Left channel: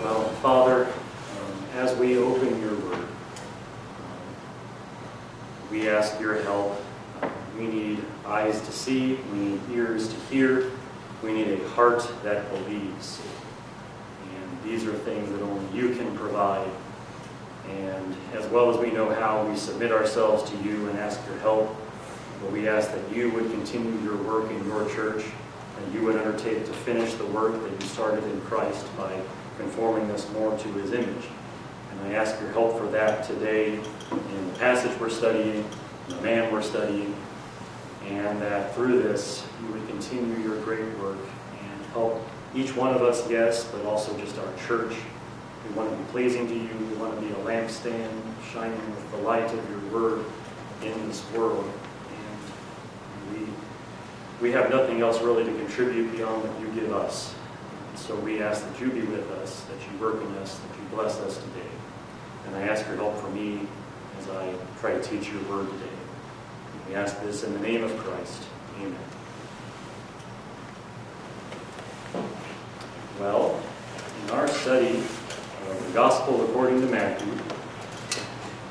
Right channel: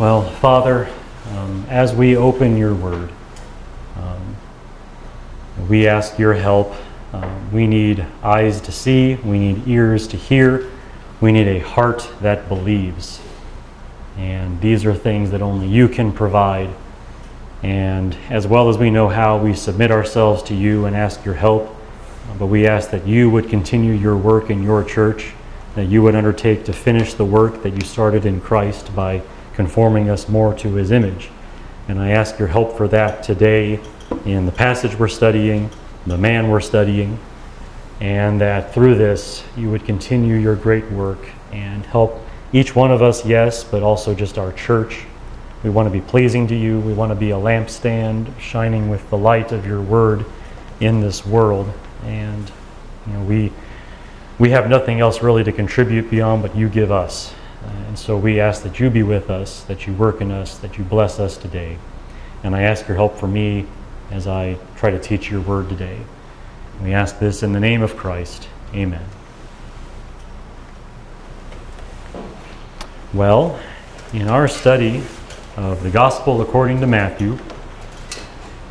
Well, Father, as we open your word, we ask your help. We need eyes to see, we need ears to hear, we need a heart that believes. And these are things that only you can provide. And as well as we know how, we submit ourselves to you and ask your help. But we ask that you would continue your work in your church, that you would undertake to finish the work that you started in Christ by conforming us more to his image. And I ask your help for that today in the passage we're studying, the man we're studying, and that through this you would continue your great work and help each one of us, yes, but also just our church. We want to be pleasing to you. We want to be a lampstand shining with the light of your word in this world. And we have nothing else really to contribute beyond what you give us. And so we ask that you be with us, that you work in us, that you bless us today. And I ask your help for me as I try to teach your word today. We ask this in the name of Christ. Amen. Well, in our study of the Gospel according to Matthew,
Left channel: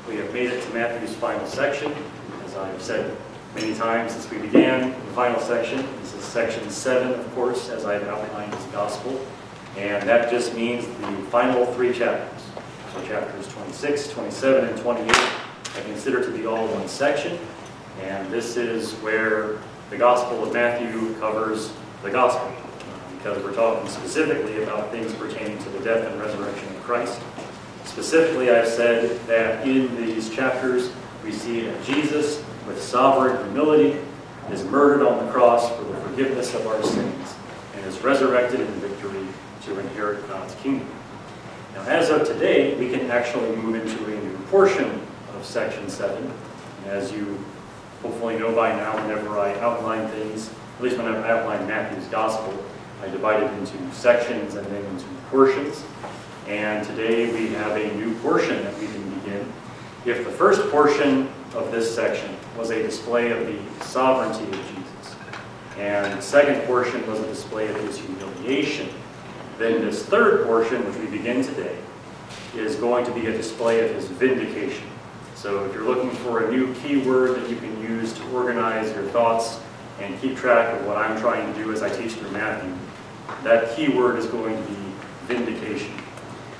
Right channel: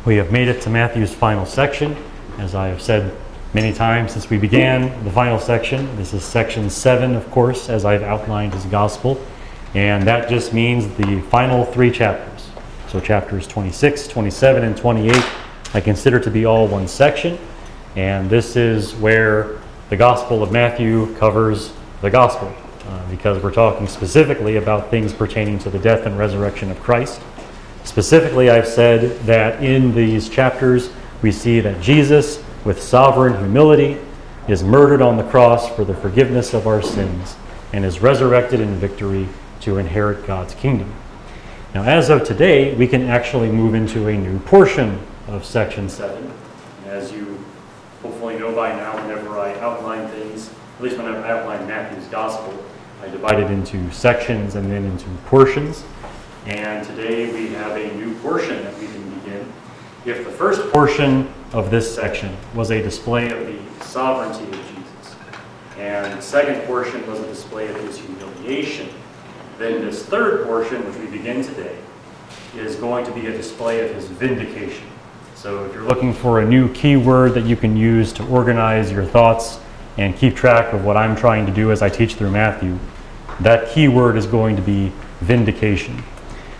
we have made it to Matthew's final section. As I have said many times since we began the final section, this is section 7, of course, as I've outlined as Gospel. And that just means the final 3 chapters. So chapters 26, 27, and 28 I consider to be all one section. And this is where the Gospel of Matthew covers the Gospel, because we're talking specifically about things pertaining to the death and resurrection of Christ. Specifically, I've said that in these chapters we see that Jesus, with sovereign humility, is murdered on the cross for the forgiveness of our sins and is resurrected in victory to inherit God's kingdom. Now, as of today, we can actually move into a new portion of section 7. As you hopefully know by now, whenever I outline things, at least when I outline Matthew's Gospel, I divide it into sections and then into portions. And today we have a new portion that we can begin. If the first portion of this section was a display of the sovereignty of Jesus, and the second portion was a display of his humiliation, then this third portion, which we begin today, is going to be a display of his vindication. So if you're looking for a new keyword that you can use to organize your thoughts and keep track of what I'm trying to do as I teach through Matthew, that keyword is going to be vindication.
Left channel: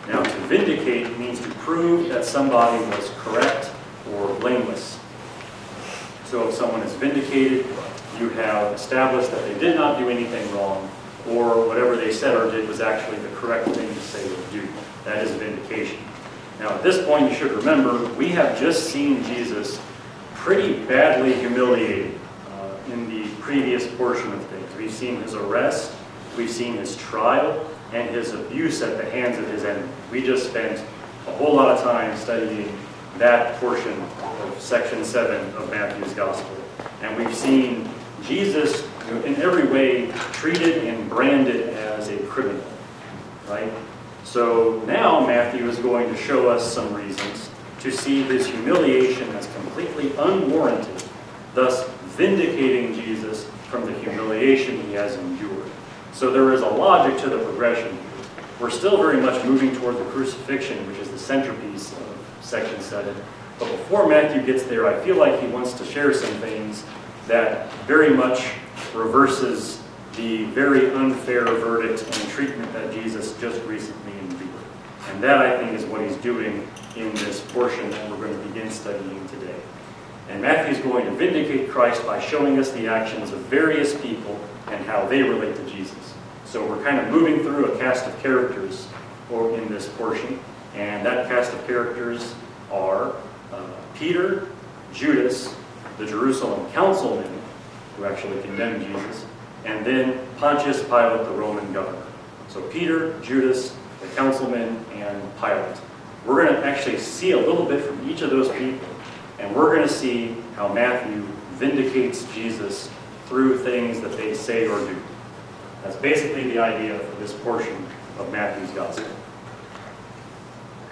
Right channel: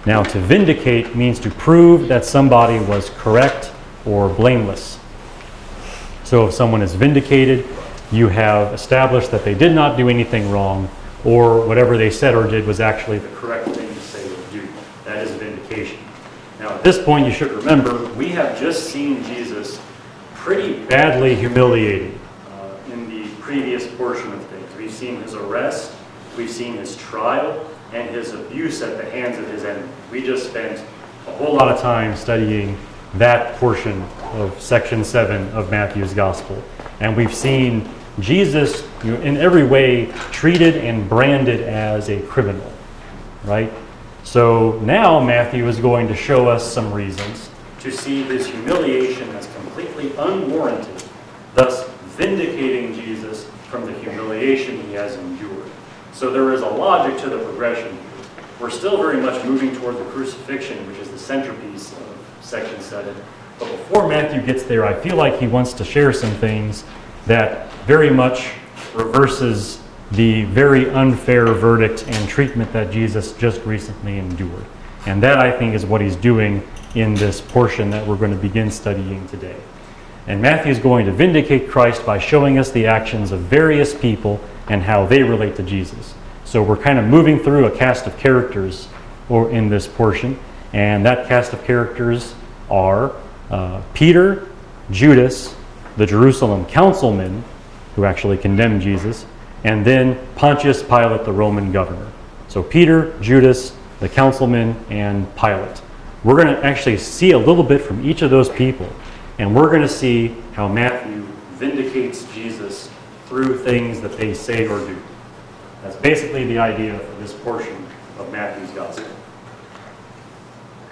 Now, to vindicate means to prove that somebody was correct or blameless. So if someone is vindicated, you have established that they did not do anything wrong, or whatever they said or did was actually the correct thing to say or do. That is vindication. Now, at this point, you should remember, we have just seen Jesus pretty badly humiliated in the previous portion of things. We've seen his arrest, we've seen his trial, and his abuse at the hands of his enemy. We just spent a whole lot of time studying that portion of section 7 of Matthew's Gospel. And we've seen Jesus, in every way, treated and branded as a criminal, right? So now Matthew is going to show us some reasons to see his humiliation as completely unwarranted, thus vindicating Jesus from the humiliation he has endured. So there is a logic to the progression here. We're still very much moving toward the crucifixion, which is the centerpiece of section 7. But before Matthew gets there, I feel like he wants to share some things that very much reverses the very unfair verdict and treatment that Jesus just recently endured. And that, I think, is what he's doing in this portion that we're going to begin studying today. And Matthew is going to vindicate Christ by showing us the actions of various people and how they relate to Jesus. So we're kind of moving through a cast of characters in this portion. And that cast of characters are Peter, Judas, the Jerusalem councilmen, who actually condemned Jesus, and then Pontius Pilate, the Roman governor. So Peter, Judas, the councilmen, and Pilate. We're going to actually see a little bit from each of those people, and we're going to see how Matthew vindicates Jesus through things that they say or do. That's basically the idea for this portion of Matthew's Gospel.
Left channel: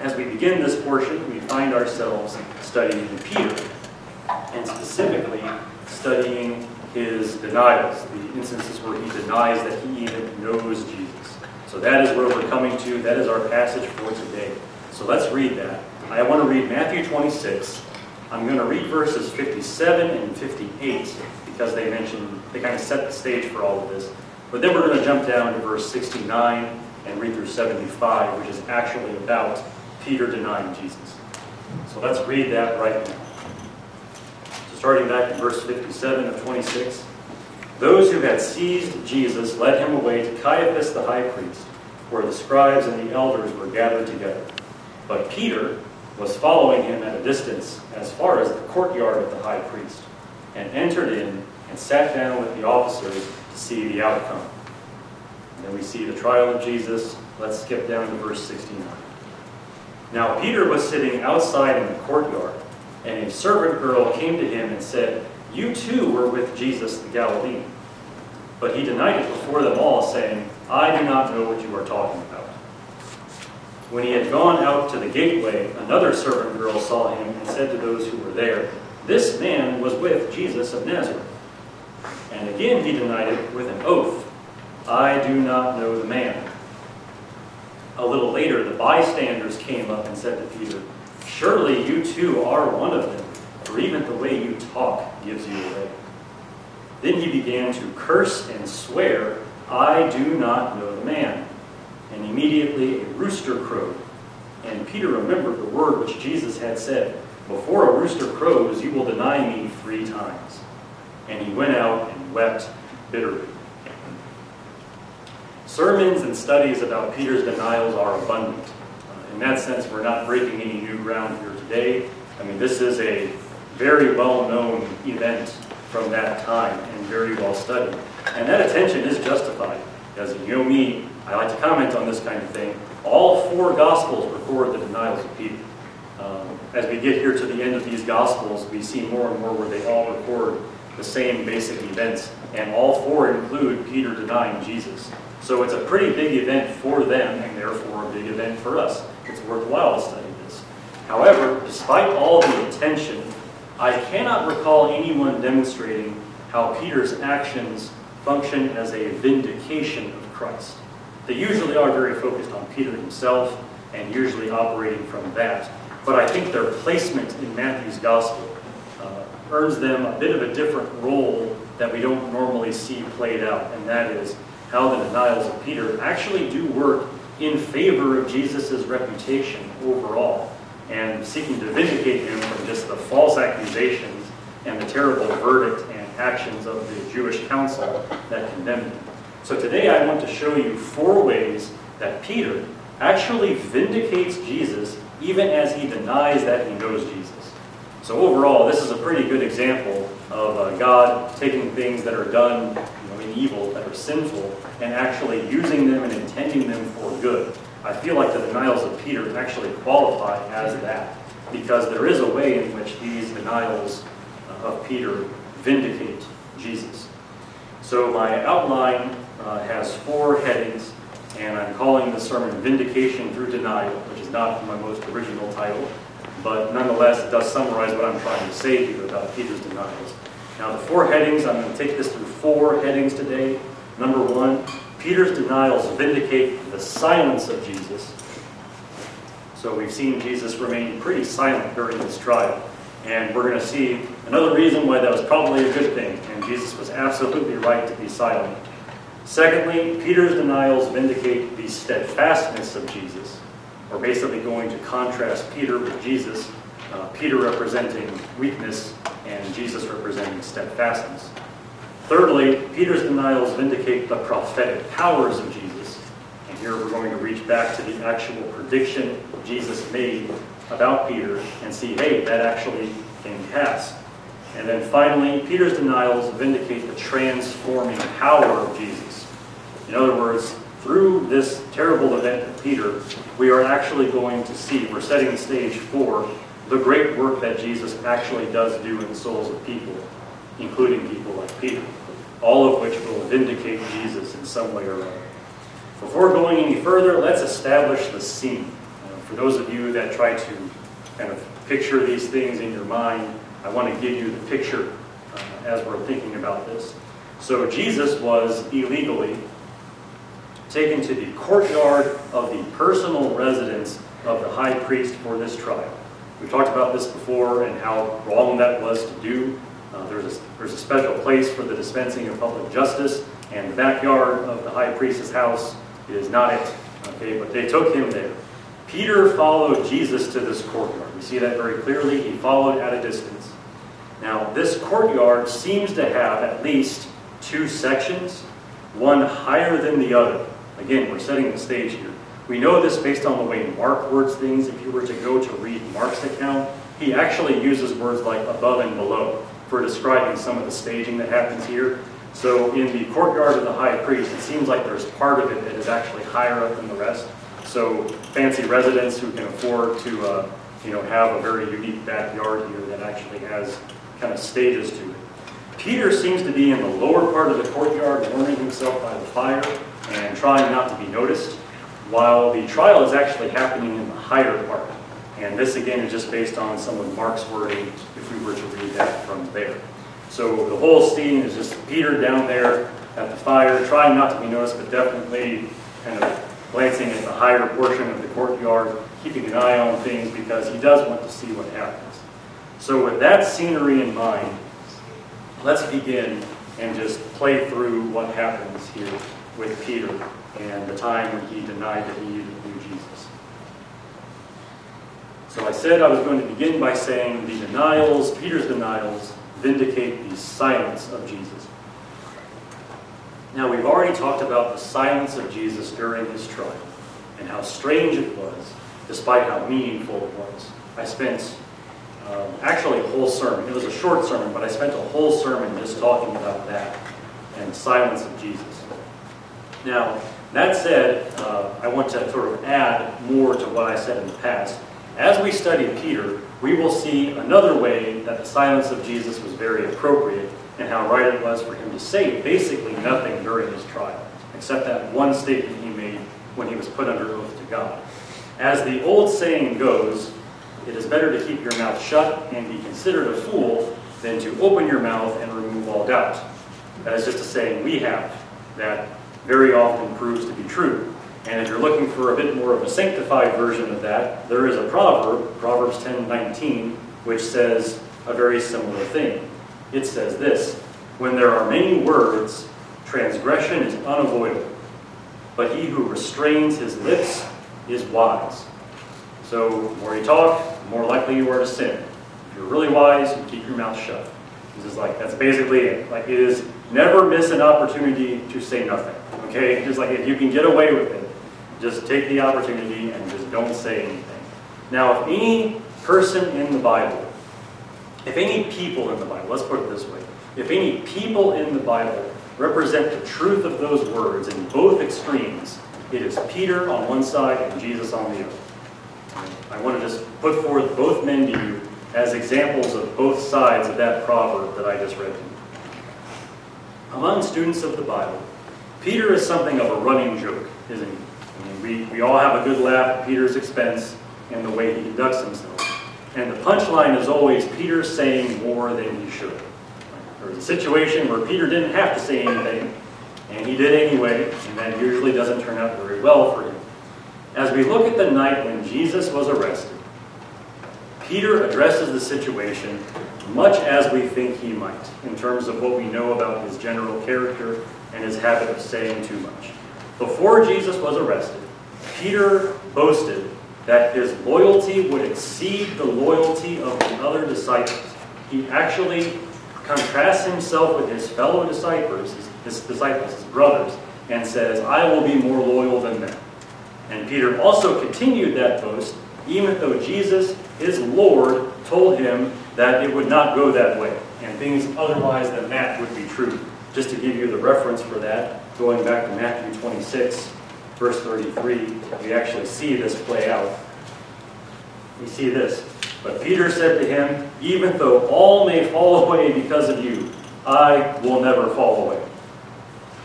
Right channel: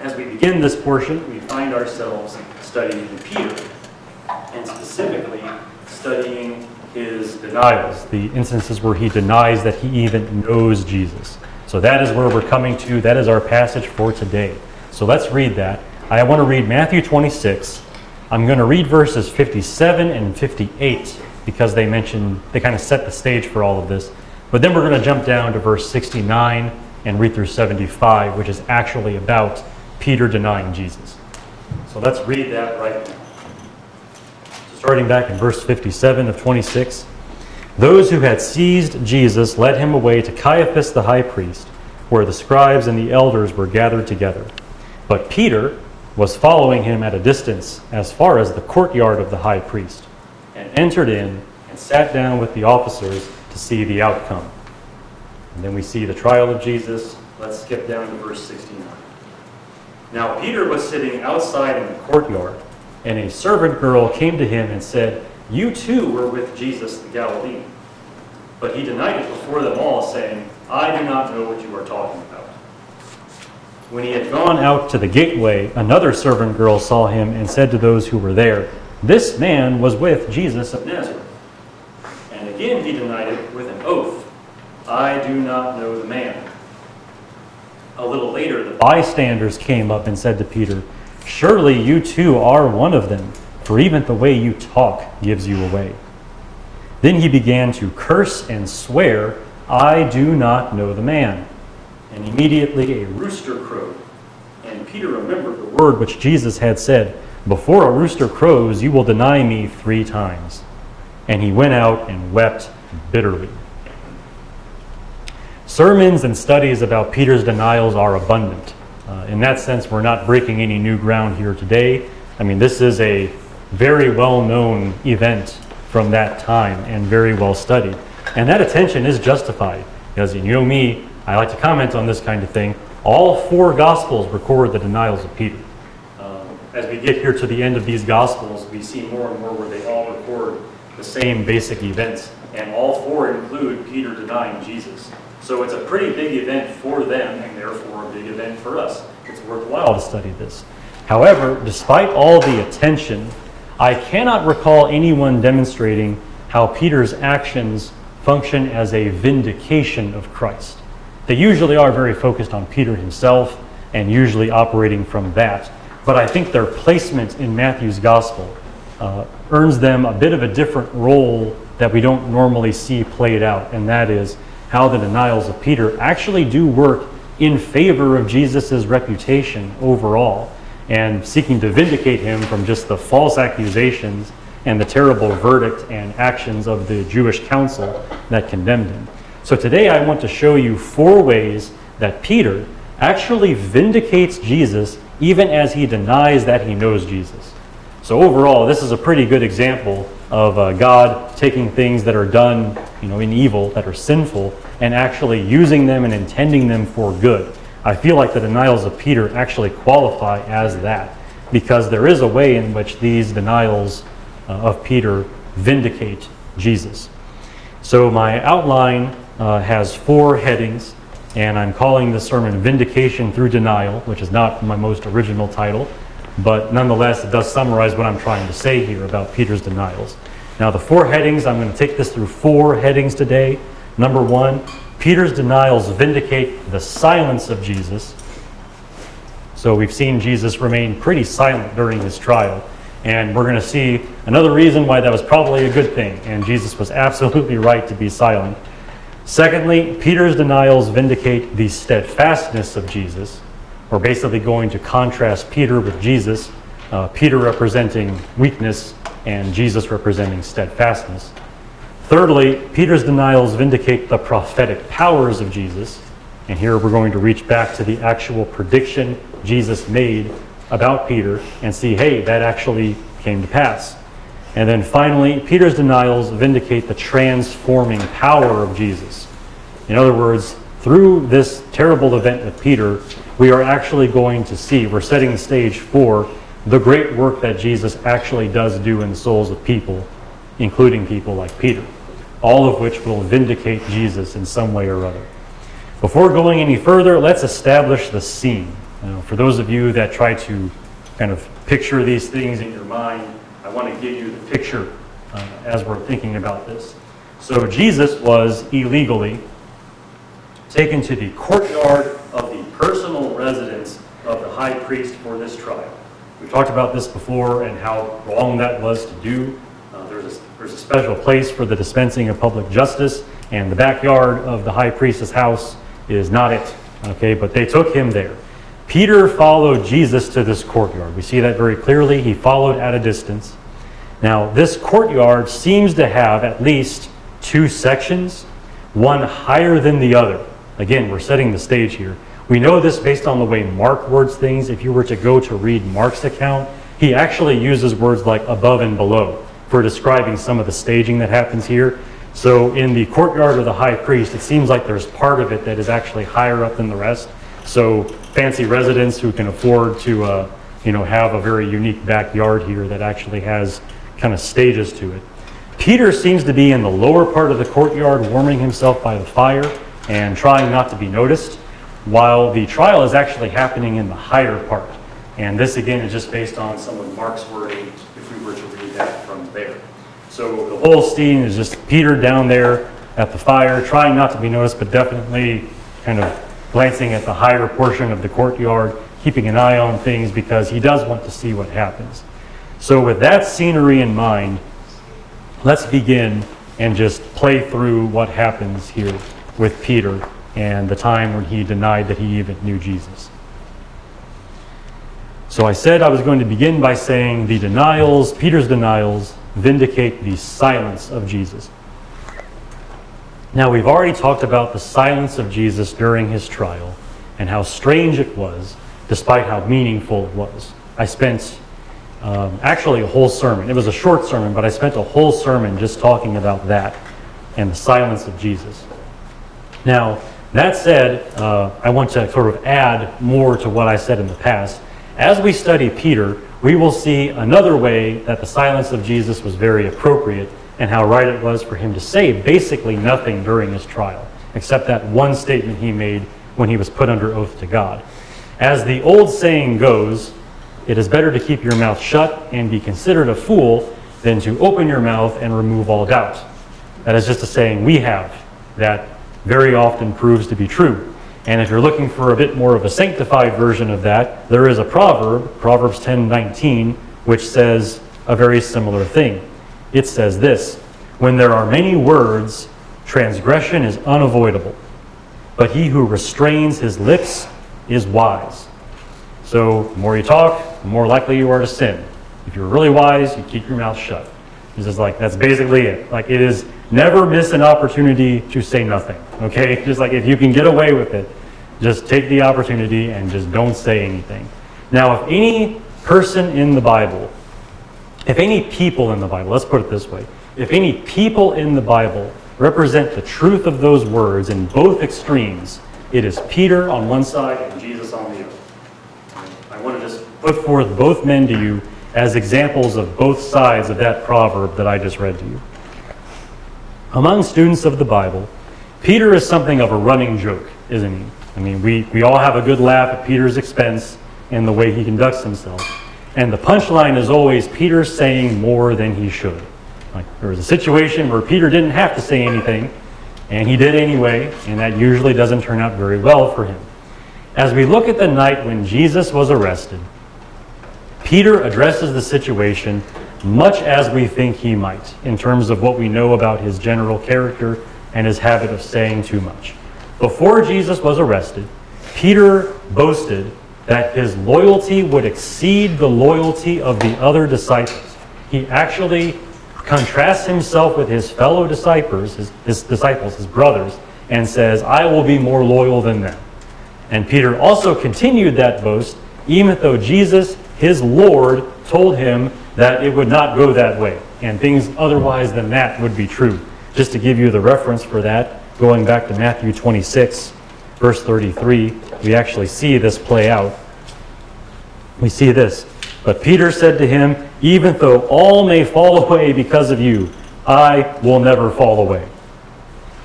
As we begin this portion, we find ourselves studying Peter, and specifically studying his denials, the instances where he denies that he even knows Jesus. So that is where we're coming to. That is our passage for today. So let's read that. I want to read Matthew 26. I'm going to read verses 57 and 58 because they kind of set the stage for all of this. But then we're going to jump down to verse 69 and read through 75, which is actually about Peter denying Jesus. So let's read that right now. So starting back in verse 57 of 26. Those who had seized Jesus led him away to Caiaphas the high priest, where the scribes and the elders were gathered together. But Peter was following him at a distance as far as the courtyard of the high priest, and entered in and sat down with the officers to see the outcome. And then we see the trial of Jesus. Let's skip down to verse 69. Now Peter was sitting outside in the courtyard, and a servant girl came to him and said, "You too were with Jesus the Galilean." But he denied it before them all, saying, "I do not know what you are talking about." When he had gone out to the gateway, another servant girl saw him and said to those who were there, "This man was with Jesus of Nazareth." And again he denied it with an oath, "I do not know the man." A little later, the bystanders came up and said to Peter, "Surely you too are one of them, for even the way you talk gives you away." Then he began to curse and swear, "I do not know the man." And immediately a rooster crowed. And Peter remembered the word which Jesus had said, "Before a rooster crows, you will deny me 3 times." And he went out and wept bitterly. Sermons and studies about Peter's denials are abundant. In that sense, we're not breaking any new ground here today. I mean, this is a very well-known event from that time and very well studied. And that attention is justified. Because you know me, I like to comment on this kind of thing. All 4 Gospels record the denials of Peter. As we get here to the end of these Gospels, we see more and more where they all record the same basic events. And all 4 include Peter denying Jesus. So it's a pretty big event for them, and therefore a big event for us. It's worthwhile to study this. However, despite all the attention, I cannot recall anyone demonstrating how Peter's actions function as a vindication of Christ. They usually are very focused on Peter himself and usually operating from that. But I think their placement in Matthew's gospel earns them a bit of a different role that we don't normally see played out, and that is how the denials of Peter actually do work in favor of Jesus' reputation overall, and seeking to vindicate him from just the false accusations and the terrible verdict and actions of the Jewish council that condemned him. So today I want to show you 4 ways that Peter actually vindicates Jesus even as he denies that he knows Jesus. So overall, this is a pretty good example of God taking things that are done in evil, that are sinful, and actually using them and intending them for good. I feel like the denials of Peter actually qualify as that, because there is a way in which these denials of Peter vindicate Jesus. So my outline has 4 headings, and I'm calling this sermon Vindication Through Denial, which is not my most original title, but nonetheless it does summarize what I'm trying to say here about Peter's denials. Now the 4 headings, I'm going to take this through 4 headings today. Number 1, Peter's denials vindicate the silence of Jesus. So we've seen Jesus remain pretty silent during this trial. And we're going to see another reason why that was probably a good thing. And Jesus was absolutely right to be silent. Secondly, Peter's denials vindicate the steadfastness of Jesus. We're basically going to contrast Peter with Jesus. Peter representing weakness and Jesus representing steadfastness. Thirdly, Peter's denials vindicate the prophetic powers of Jesus. And here we're going to reach back to the actual prediction Jesus made about Peter and see, hey, that actually came to pass. And then finally, Peter's denials vindicate the transforming power of Jesus. In other words, through this terrible event of Peter, we are actually going to see, we're setting the stage for the great work that Jesus actually does do in the souls of people, including people like Peter, all of which will vindicate Jesus in some way or other. Before going any further, let's establish the scene. For those of you that try to kind of picture these things in your mind, I want to give you the picture as we're thinking about this. So Jesus was illegally taken to the courtyard of the personal residence of the high priest for this trial. We've talked about this before and how wrong that was to do. There's a special place for the dispensing of public justice, and the backyard of the high priest's house is not it. Okay, but they took him there. Peter followed Jesus to this courtyard. We see that very clearly. He followed at a distance. Now, this courtyard seems to have at least two sections, one higher than the other. Again, we're setting the stage here. We know this based on the way Mark words things. If you were to go to read Mark's account, he actually uses words like above and below for describing some of the staging that happens here. So in the courtyard of the high priest, it seems like there's part of it that is actually higher up than the rest. So fancy residents who can afford to have a very unique backyard here that actually has kind of stages to it. Peter seems to be in the lower part of the courtyard, warming himself by the fire and trying not to be noticed, while the trial is actually happening in the higher part. And this again is just based on some of Mark's wording if we were to read that from there. So the whole scene is just Peter down there at the fire, trying not to be noticed, but definitely kind of glancing at the higher portion of the courtyard, keeping an eye on things because he does want to see what happens. So with that scenery in mind, let's begin and just play through what happens here with Peter and the time when he denied that he even knew Jesus. So I said I was going to begin by saying the denials, Peter's denials, vindicate the silence of Jesus. Now, we've already talked about the silence of Jesus during his trial and how strange it was, despite how meaningful it was. I spent actually a whole sermon. It was a short sermon, but I spent a whole sermon just talking about that and the silence of Jesus. Now, that said, I want to sort of add more to what I said in the past. As we study Peter, we will see another way that the silence of Jesus was very appropriate and how right it was for him to say basically nothing during his trial, except that one statement he made when he was put under oath to God. As the old saying goes, it is better to keep your mouth shut and be considered a fool than to open your mouth and remove all doubt. That is just a saying we have that very often proves to be true. And if you're looking for a bit more of a sanctified version of that, there is a proverb, Proverbs 10:19, which says a very similar thing. It says this: when there are many words, transgression is unavoidable, but he who restrains his lips is wise. So the more you talk, the more likely you are to sin. If you're really wise, you keep your mouth shut. This is like, that's basically it. Like, it is never miss an opportunity to say nothing. Okay? Just like if you can get away with it, just take the opportunity and just don't say anything. Now, if any person in the Bible, if any people in the Bible, let's put it this way, if any people in the Bible represent the truth of those words in both extremes, it is Peter on one side and Jesus on the other. I want to just put forth both men to you as examples of both sides of that proverb that I just read to you. Among students of the Bible, Peter is something of a running joke, isn't he? I mean, we all have a good laugh at Peter's expense and the way he conducts himself. And the punchline is always Peter saying more than he should. Like, there was a situation where Peter didn't have to say anything, and he did anyway, and that usually doesn't turn out very well for him. As we look at the night when Jesus was arrested, Peter addresses the situation much as we think he might, in terms of what we know about his general character and his habit of saying too much. Before Jesus was arrested, Peter boasted that his loyalty would exceed the loyalty of the other disciples. He actually contrasts himself with his fellow disciples, his brothers, and says, I will be more loyal than them. And Peter also continued that boast, even though Jesus, his Lord, told him that it would not go that way, and things otherwise than that would be true. Just to give you the reference for that, going back to Matthew 26, verse 33, we actually see this play out. We see this. But Peter said to him, even though all may fall away because of you, I will never fall away.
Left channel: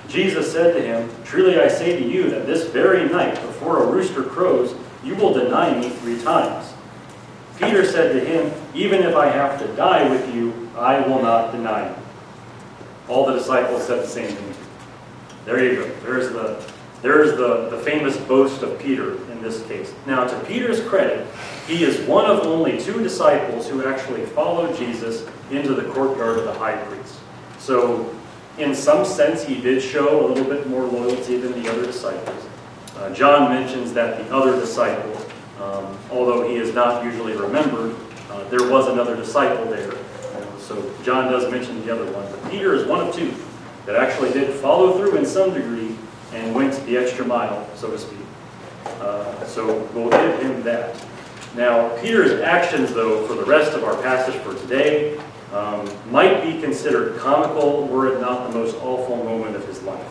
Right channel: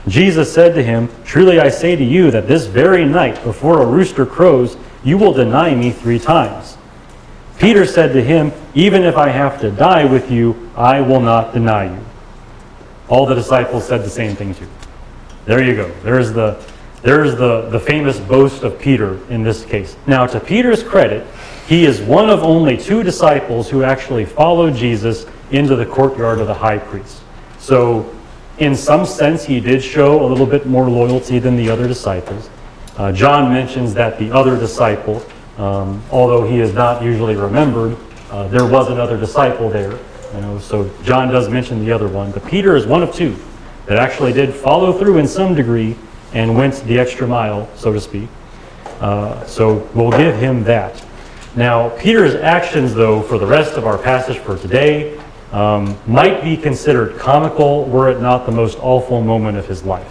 Jesus said to him, truly I say to you that this very night before a rooster crows, you will deny me 3 times. Peter said to him, even if I have to die with you, I will not deny you. All the disciples said the same thing too. There you go. There's the There's the famous boast of Peter in this case. Now, to Peter's credit, he is one of only 2 disciples who actually followed Jesus into the courtyard of the high priest. So, in some sense, he did show a little bit more loyalty than the other disciples. John mentions that the other disciple, although he is not usually remembered, there was another disciple there. So John does mention the other one. But Peter is one of 2 that actually did follow through in some degree and went the extra mile, so to speak. So we'll give him that. Now, Peter's actions, though, for the rest of our passage for today, might be considered comical were it not the most awful moment of his life.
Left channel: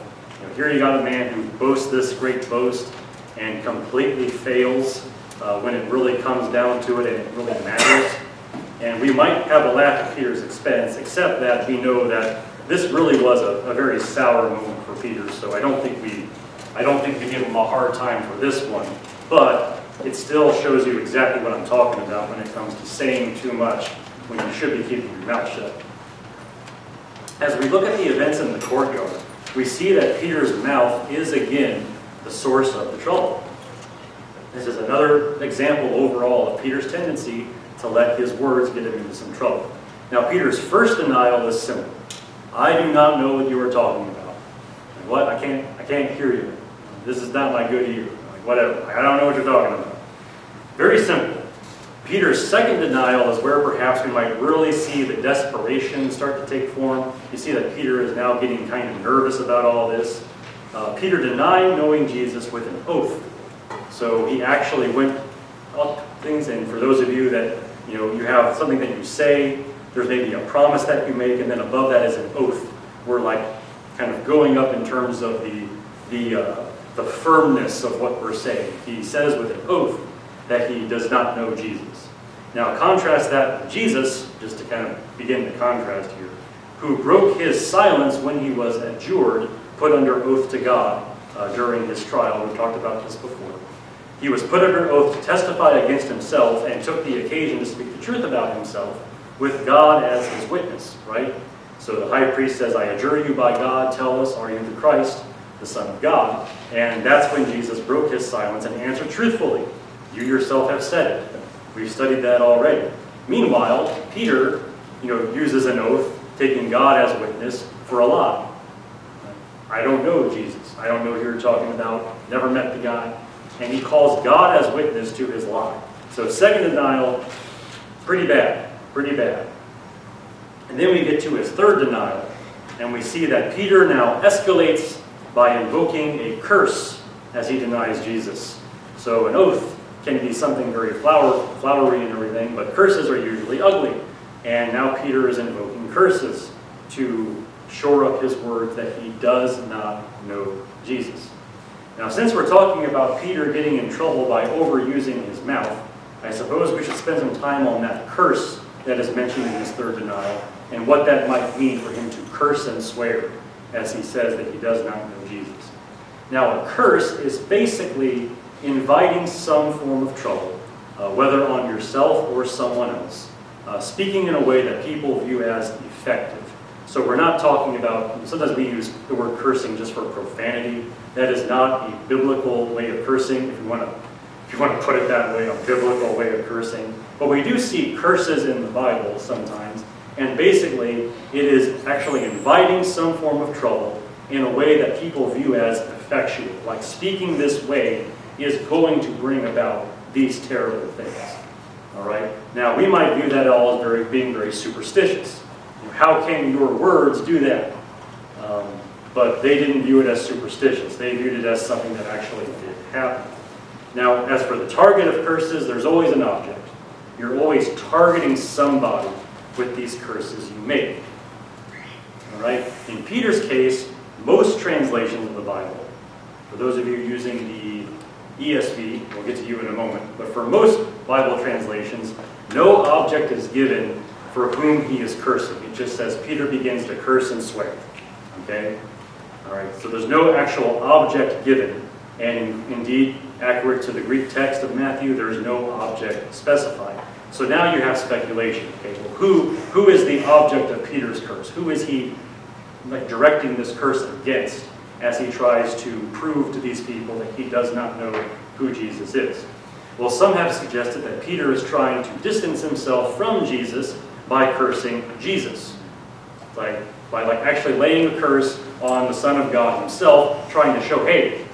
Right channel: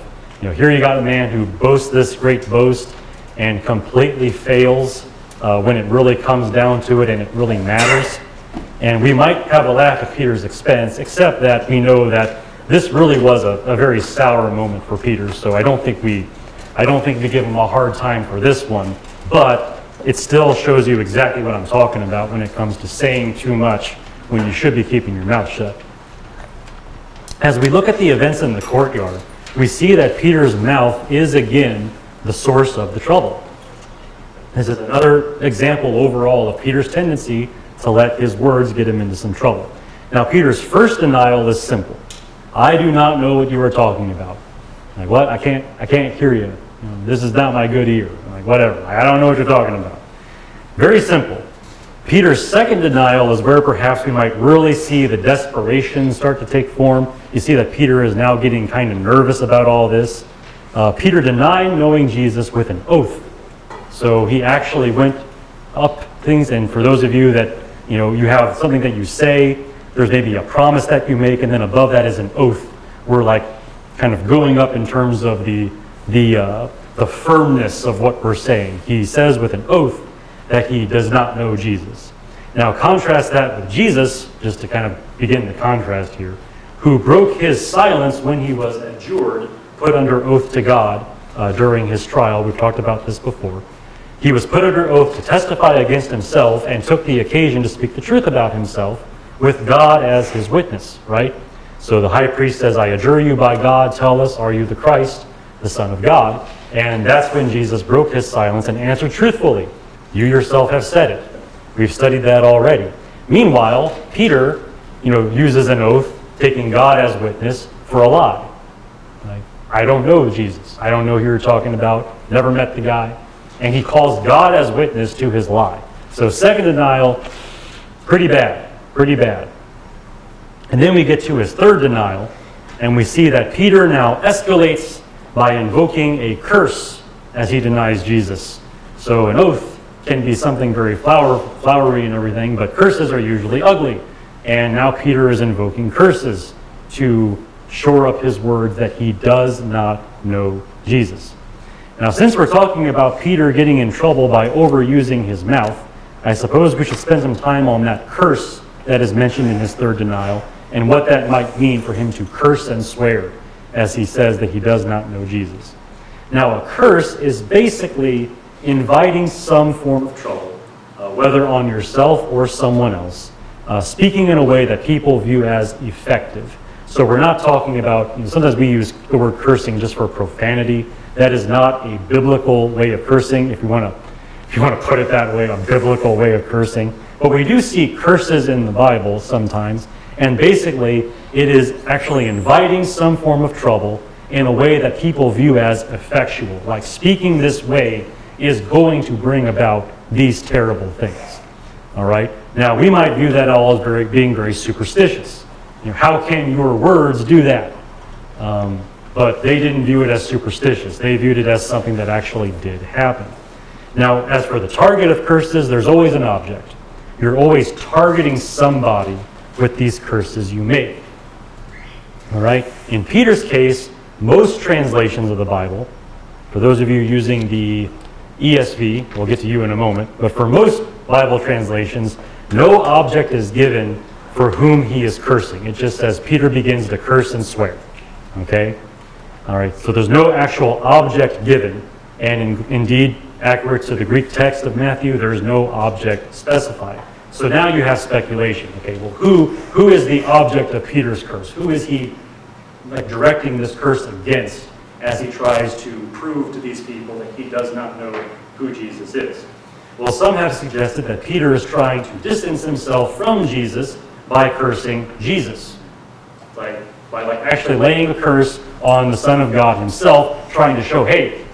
Here you got a man who boasts this great boast and completely fails when it really comes down to it and it really matters. And we might have a laugh at Peter's expense, except that we know that this really was a very sour moment for Peter. So I don't think we give him a hard time for this one, but it still shows you exactly what I'm talking about when it comes to saying too much when you should be keeping your mouth shut. As we look at the events in the courtyard, we see that Peter's mouth is again the source of the trouble. This is another example overall of Peter's tendency to let his words get him into some trouble. Now, Peter's first denial is simple. I do not know what you are talking about. Like, what? I can't hear you. This is not my good ear. Like, whatever. I don't know what you're talking about. Very simple. Peter's second denial is where perhaps we might really see the desperation start to take form. You see that Peter is now getting kind of nervous about all this. Peter denied knowing Jesus with an oath. So he actually went up things, and for those of you that, you have something that you say, there's maybe a promise that you make, and then above that is an oath. We're like kind of going up in terms of the firmness of what we're saying. He says with an oath that he does not know Jesus. Now contrast that with Jesus, just to kind of begin the contrast here, who broke his silence when he was adjured, put under oath to God during his trial. We've talked about this before. He was put under oath to testify against himself and took the occasion to speak the truth about himself with God as his witness, right? So the high priest says, I adjure you by God, tell us, are you the Christ, the Son of God? And that's when Jesus broke his silence and answered truthfully. You yourself have said it. We've studied that already. Meanwhile, Peter, uses an oath, taking God as witness for a lie. I don't know Jesus. I don't know who you're talking about. Never met the guy. And he calls God as witness to his lie. So second denial, pretty bad. Pretty bad. And then we get to his third denial, and we see that Peter now escalates by invoking a curse as he denies Jesus. So an oath can be something very flowery and everything, but curses are usually ugly. And now Peter is invoking curses to shore up his words that he does not know Jesus. Now, since we're talking about Peter getting in trouble by overusing his mouth, I suppose we should spend some time on that curse that is mentioned in his third denial and what that might mean for him to curse and swear as he says that he does not know Jesus. Now, a curse is basically inviting some form of trouble, whether on yourself or someone else, speaking in a way that people view as effective. So we're not talking about, sometimes we use the word cursing just for profanity. That is not a biblical way of cursing, if you want to put it that way, a biblical way of cursing. But we do see curses in the Bible sometimes, and basically it is actually inviting some form of trouble in a way that people view as effectual. Like speaking this way is going to bring about these terrible things. All right? Now, we might view that all as being very superstitious. How can your words do that? But they didn't view it as superstitious. They viewed it as something that actually did happen. Now, as for the target of curses, there's always an object. You're always targeting somebody with these curses you make. All right? In Peter's case, most translations of the Bible, for those of you using the ESV, we'll get to you in a moment, but for most Bible translations, no object is given for whom he is cursing. It just says Peter begins to curse and swear. Okay? All right, so there's no actual object given. And indeed, accurate to the Greek text of Matthew, there's no object specified. So now you have speculation. Okay, well, who is the object of Peter's curse? Who is he directing this curse against? as he tries to prove to these people that he does not know who Jesus is. Well, some have suggested that Peter is trying to distance himself from Jesus by cursing Jesus. By actually laying a curse on the Son of God himself, trying to show, hey,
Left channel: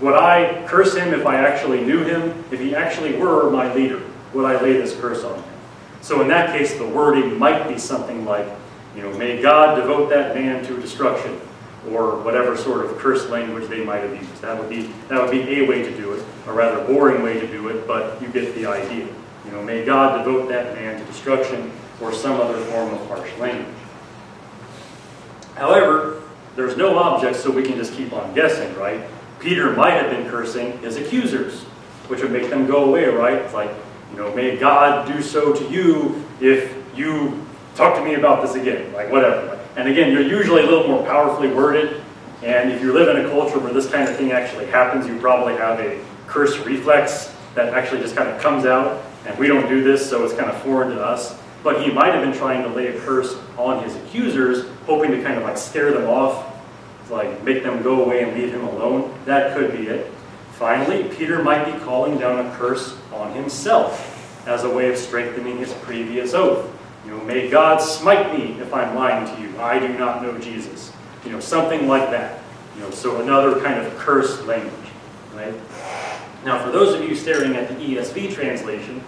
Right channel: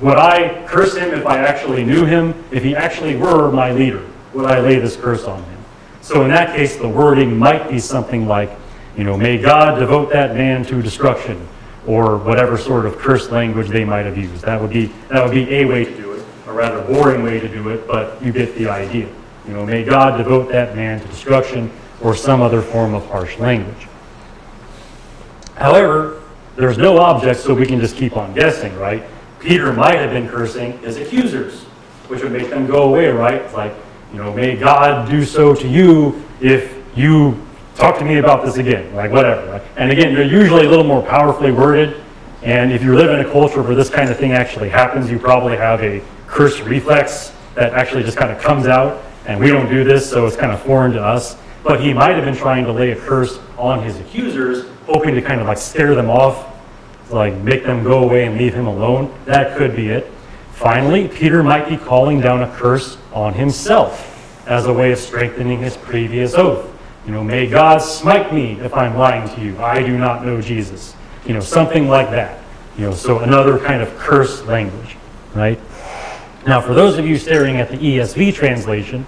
would I curse him if I actually knew him? If he actually were my leader, would I lay this curse on him? So in that case, the wording might be something like, may God devote that man to destruction, or whatever sort of curse language they might have used. That would be a way to do it, a rather boring way to do it, but you get the idea. May God devote that man to destruction, or some other form of harsh language. However, there's no object, so we can just keep on guessing, right? Peter might have been cursing his accusers, which would make them go away, right? It's like, may God do so to you if you talk to me about this again, like whatever. Right? And again, you're usually a little more powerfully worded, and if you live in a culture where this kind of thing actually happens, you probably have a curse reflex that actually just kind of comes out, and we don't do this, so it's kind of foreign to us. But he might have been trying to lay a curse on his accusers, hoping to kind of scare them off, to make them go away and leave him alone. That could be it. Finally, Peter might be calling down a curse on himself as a way of strengthening his previous oath. May God smite me if I'm lying to you. I do not know Jesus. Something like that. So another kind of curse language, right? Now, for those of you staring at the ESV translation,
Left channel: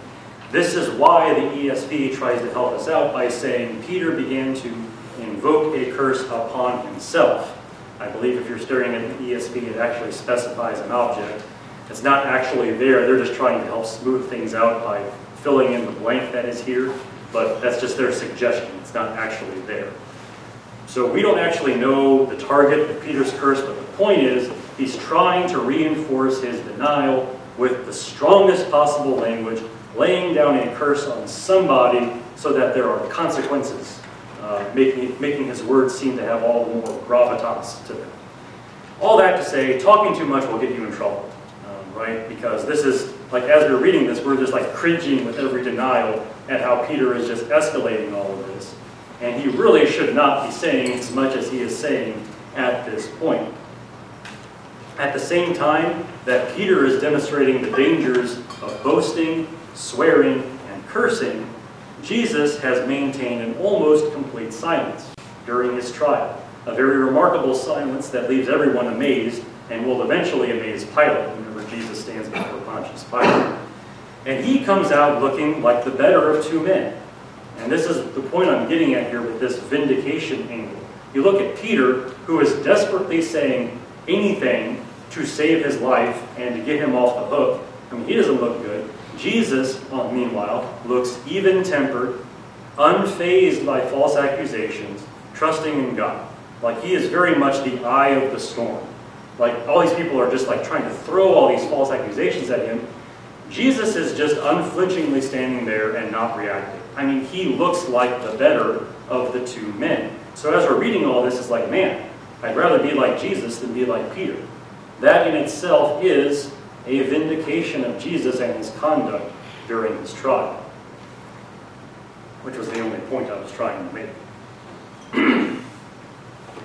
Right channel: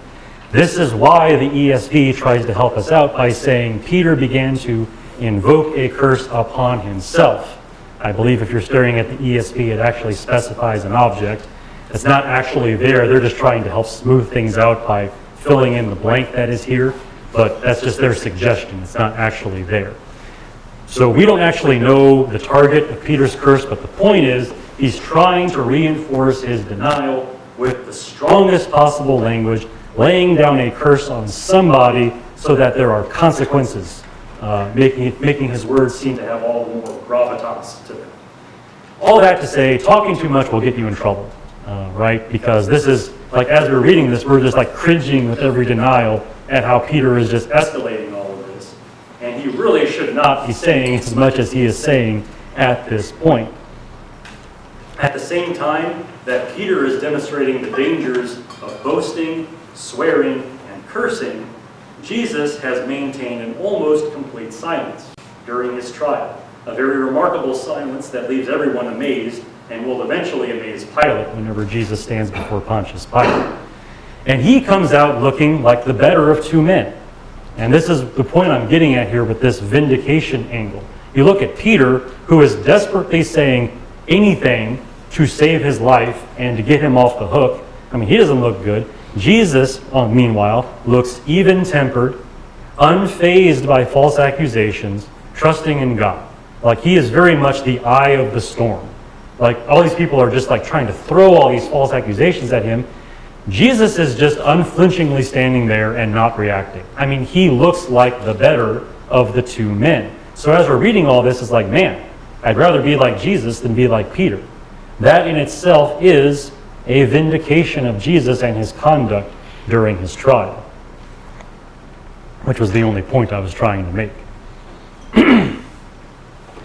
this is why the ESV tries to help us out by saying Peter began to invoke a curse upon himself. I believe if you're staring at the ESV, it actually specifies an object. It's not actually there. They're just trying to help smooth things out by filling in the blank that is here, but that's just their suggestion. It's not actually there. So we don't actually know the target of Peter's curse, but the point is he's trying to reinforce his denial with the strongest possible language, laying down a curse on somebody so that there are consequences, making his words seem to have all the more gravitas to them. All that to say, talking too much will get you in trouble, right? Because this is, as we're reading this, we're just cringing with every denial at how Peter is just escalating all of this. And he really should not be saying as much as he is saying at this point. At the same time that Peter is demonstrating the dangers of boasting, swearing, and cursing, Jesus has maintained an almost complete silence during his trial, a very remarkable silence that leaves everyone amazed and will eventually amaze Pilate whenever Jesus stands before Pontius Pilate. And he comes out looking like the better of two men. And this is the point I'm getting at here with this vindication angle. You look at Peter, who is desperately saying anything to save his life and to get him off the hook. I mean, he doesn't look good. Jesus, meanwhile, looks even-tempered, unfazed by false accusations, trusting in God. He is very much the eye of the storm. All these people are just trying to throw all these false accusations at him. Jesus is just unflinchingly standing there and not reacting. I mean, he looks like the better of the two men. So as we're reading all this, it's man, I'd rather be like Jesus than be like Peter. That in itself is a vindication of Jesus and his conduct during his trial, which was the only point I was trying to make.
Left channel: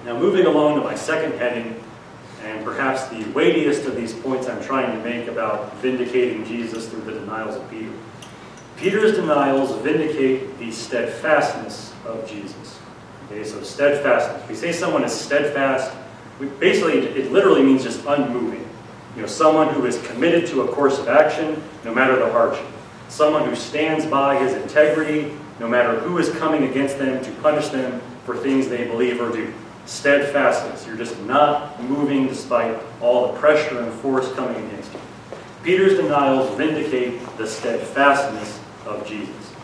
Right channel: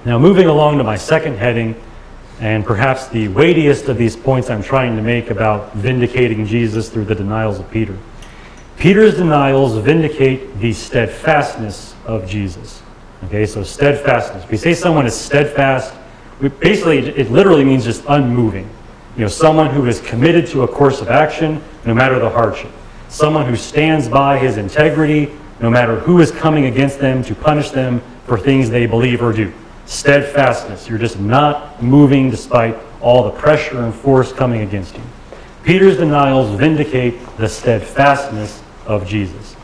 Now, moving along to my second heading, and perhaps the weightiest of these points I'm trying to make about vindicating Jesus through the denials of Peter. Peter's denials vindicate the steadfastness of Jesus. Okay, so steadfastness. If we say someone is steadfast, it literally means just unmoving. Someone who is committed to a course of action, no matter the hardship. Someone who stands by his integrity, no matter who is coming against them to punish them for things they believe or do. Steadfastness. You're just not moving despite all the pressure and force coming against you. Peter's denials vindicate the steadfastness of Jesus.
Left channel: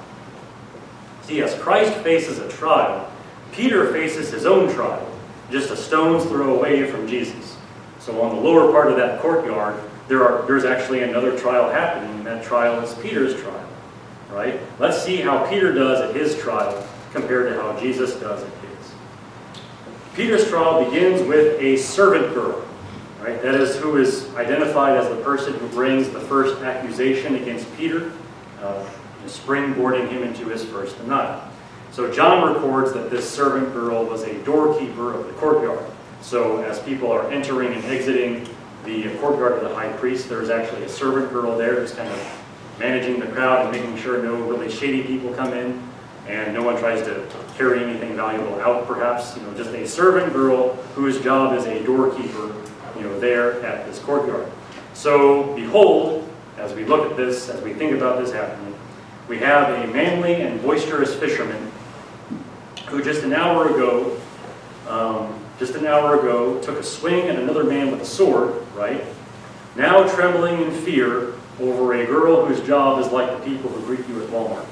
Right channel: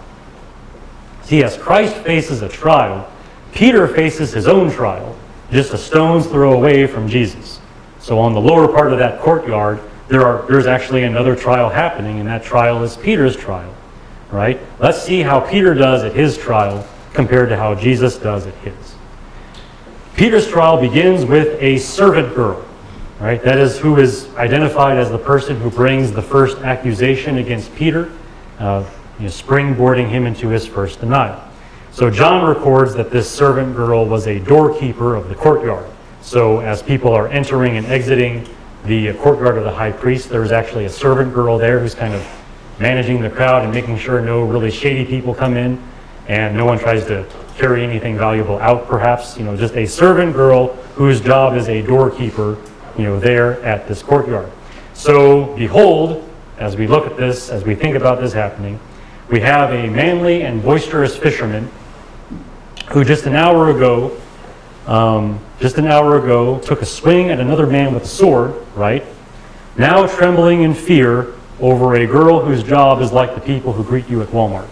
See, as Christ faces a trial, Peter faces his own trial, just a stone's throw away from Jesus. So on the lower part of that courtyard, there's actually another trial happening, and that trial is Peter's trial, right? Let's see how Peter does at his trial compared to how Jesus does at his. Peter's trial begins with a servant girl, right? That is who is identified as the person who brings the first accusation against Peter, springboarding him into his first denial. So John records that this servant girl was a doorkeeper of the courtyard. So as people are entering and exiting the courtyard of the high priest, there's actually a servant girl there who's kind of managing the crowd and making sure no really shady people come in and no one tries to carry anything valuable out, perhaps. Just a servant girl whose job is a doorkeeper, there at this courtyard. So behold, as we look at this, as we think about this happening, we have a manly and boisterous fisherman who just an hour ago took a swing at another man with a sword, right? Now trembling in fear over a girl whose job is like the people who greet you at Walmart.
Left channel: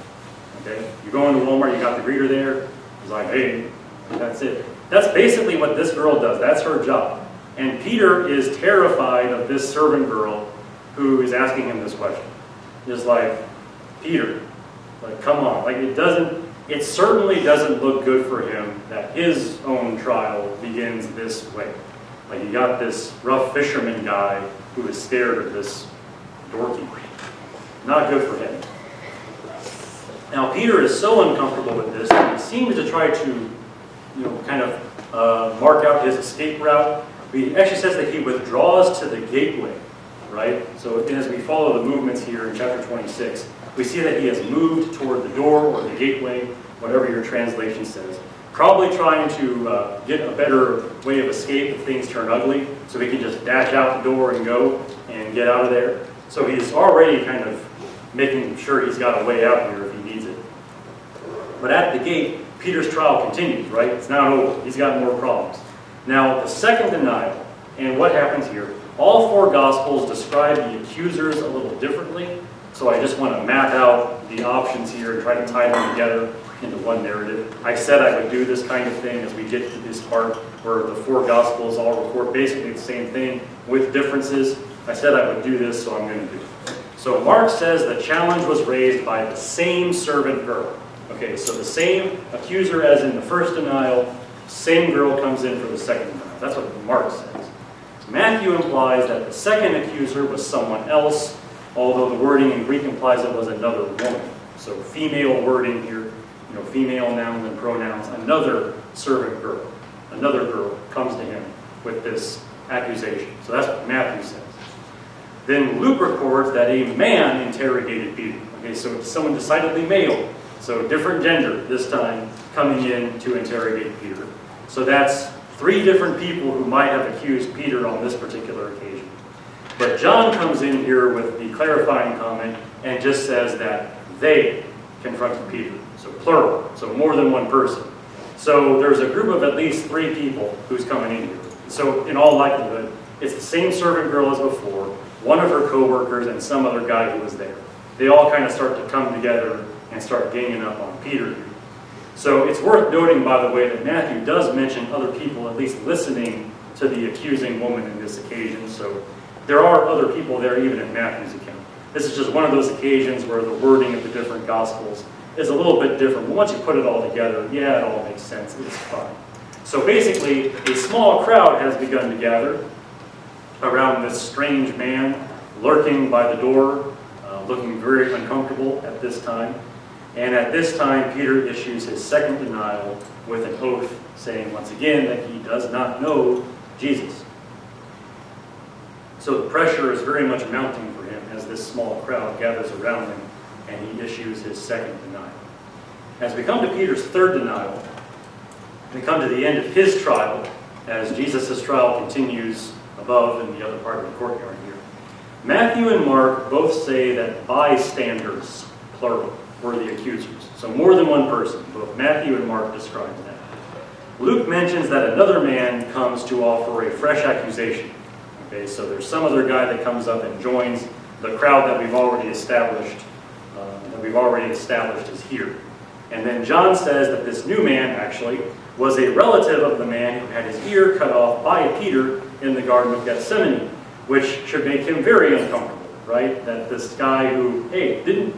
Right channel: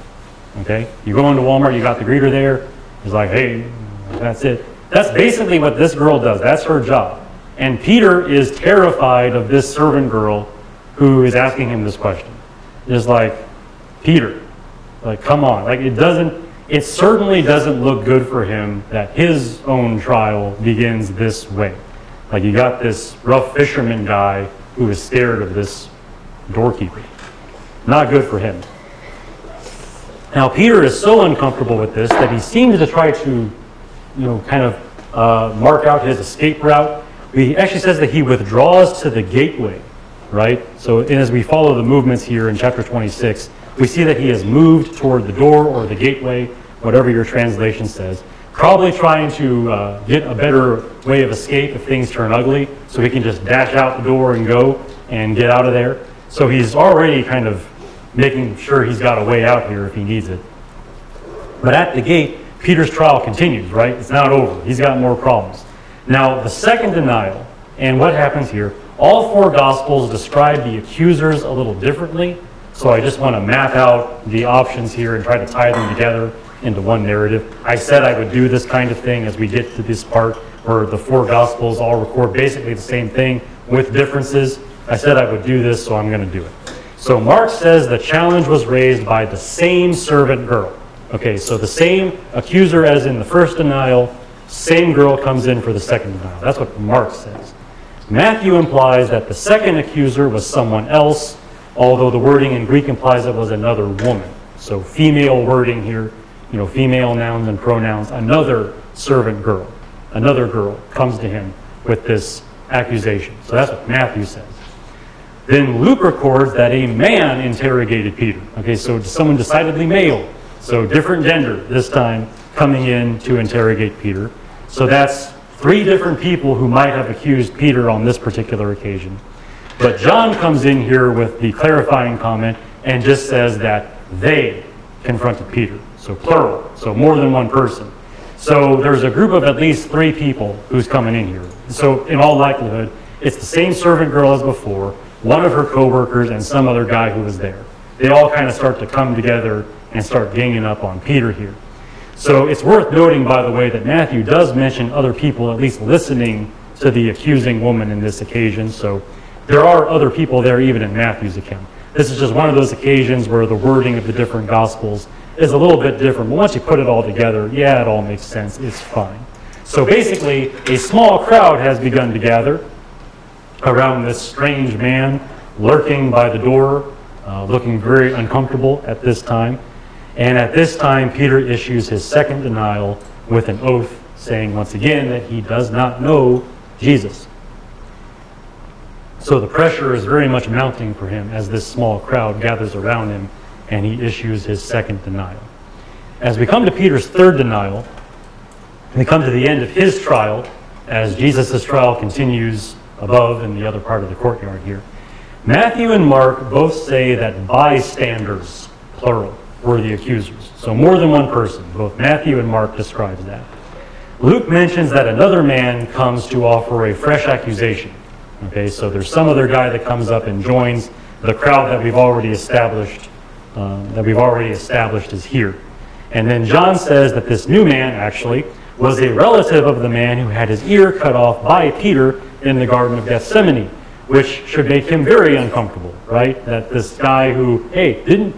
Okay? You go into Walmart, you got the greeter there. He's like, hey, that's it. That's basically what this girl does. That's her job. And Peter is terrified of this servant girl who is asking him this question. Just like, Peter, come on. It certainly doesn't look good for him that his own trial begins this way. You got this rough fisherman guy who is scared of this doorkeeper. Not good for him. Now, Peter is so uncomfortable with this that he seems to try to, mark out his escape route. He actually says that he withdraws to the gateway, right? So as we follow the movements here in chapter 26, we see that he has moved toward the door or the gateway, whatever your translation says, probably trying to get a better way of escape if things turn ugly, so he can just dash out the door and go and get out of there. So he's already kind of making sure he's got a way out here if he needs it. But at the gate, Peter's trial continues, right? It's not over. He's got more problems. Now, the second denial, and what happens here, all four Gospels describe the accusers a little differently, so I just want to map out the options here and try to tie them together into one narrative. I said I would do this kind of thing as we get to this part where the four Gospels all record basically the same thing with differences. I said I would do this, so I'm going to do it. So Mark says the challenge was raised by the same servant girl. Okay, so the same accuser as in the first denial, same girl comes in for the second denial. That's what Mark says. Matthew implies that the second accuser was someone else, although the wording in Greek implies it was another woman. So female wording here, female nouns and pronouns, another servant girl, another girl comes to him with this accusation. So that's what Matthew says. Then Luke records that a man interrogated Peter. Okay, so someone decidedly male. So different gender this time coming in to interrogate Peter. So that's three different people who might have accused Peter on this particular occasion. But John comes in here with the clarifying comment and just says that they confronted Peter. So plural, so more than one person. So there's a group of at least three people who's coming in here. So in all likelihood, it's the same servant girl as before, one of her co-workers, and some other guy who was there. They all kind of start to come together and start ganging up on Peter here. So it's worth noting, by the way, that Matthew does mention other people at least listening to the accusing woman in this occasion. So there are other people there even in Matthew's account. This is just one of those occasions where the wording of the different Gospels is a little bit different. But once you put it all together, yeah, it all makes sense. It's fine. So basically, a small crowd has begun to gather around this strange man lurking by the door, looking very uncomfortable at this time. And at this time, Peter issues his second denial with an oath, saying once again that he does not know Jesus. So the pressure is very much mounting for him as this small crowd gathers around him, and he issues his second denial. As we come to Peter's third denial, we come to the end of his trial, as Jesus' trial continues above in the other part of the courtyard here. Matthew and Mark both say that bystanders, plural, were the accusers. So more than one person. Both Matthew and Mark describe that. Luke mentions that another man comes to offer a fresh accusation. Okay, so there's some other guy that comes up and joins the crowd that we've already established. Is here. And then John says that this new man actually was a relative of the man who had his ear cut off by Peter in the Garden of Gethsemane, which should make him very uncomfortable, right? That this guy who, hey, didn't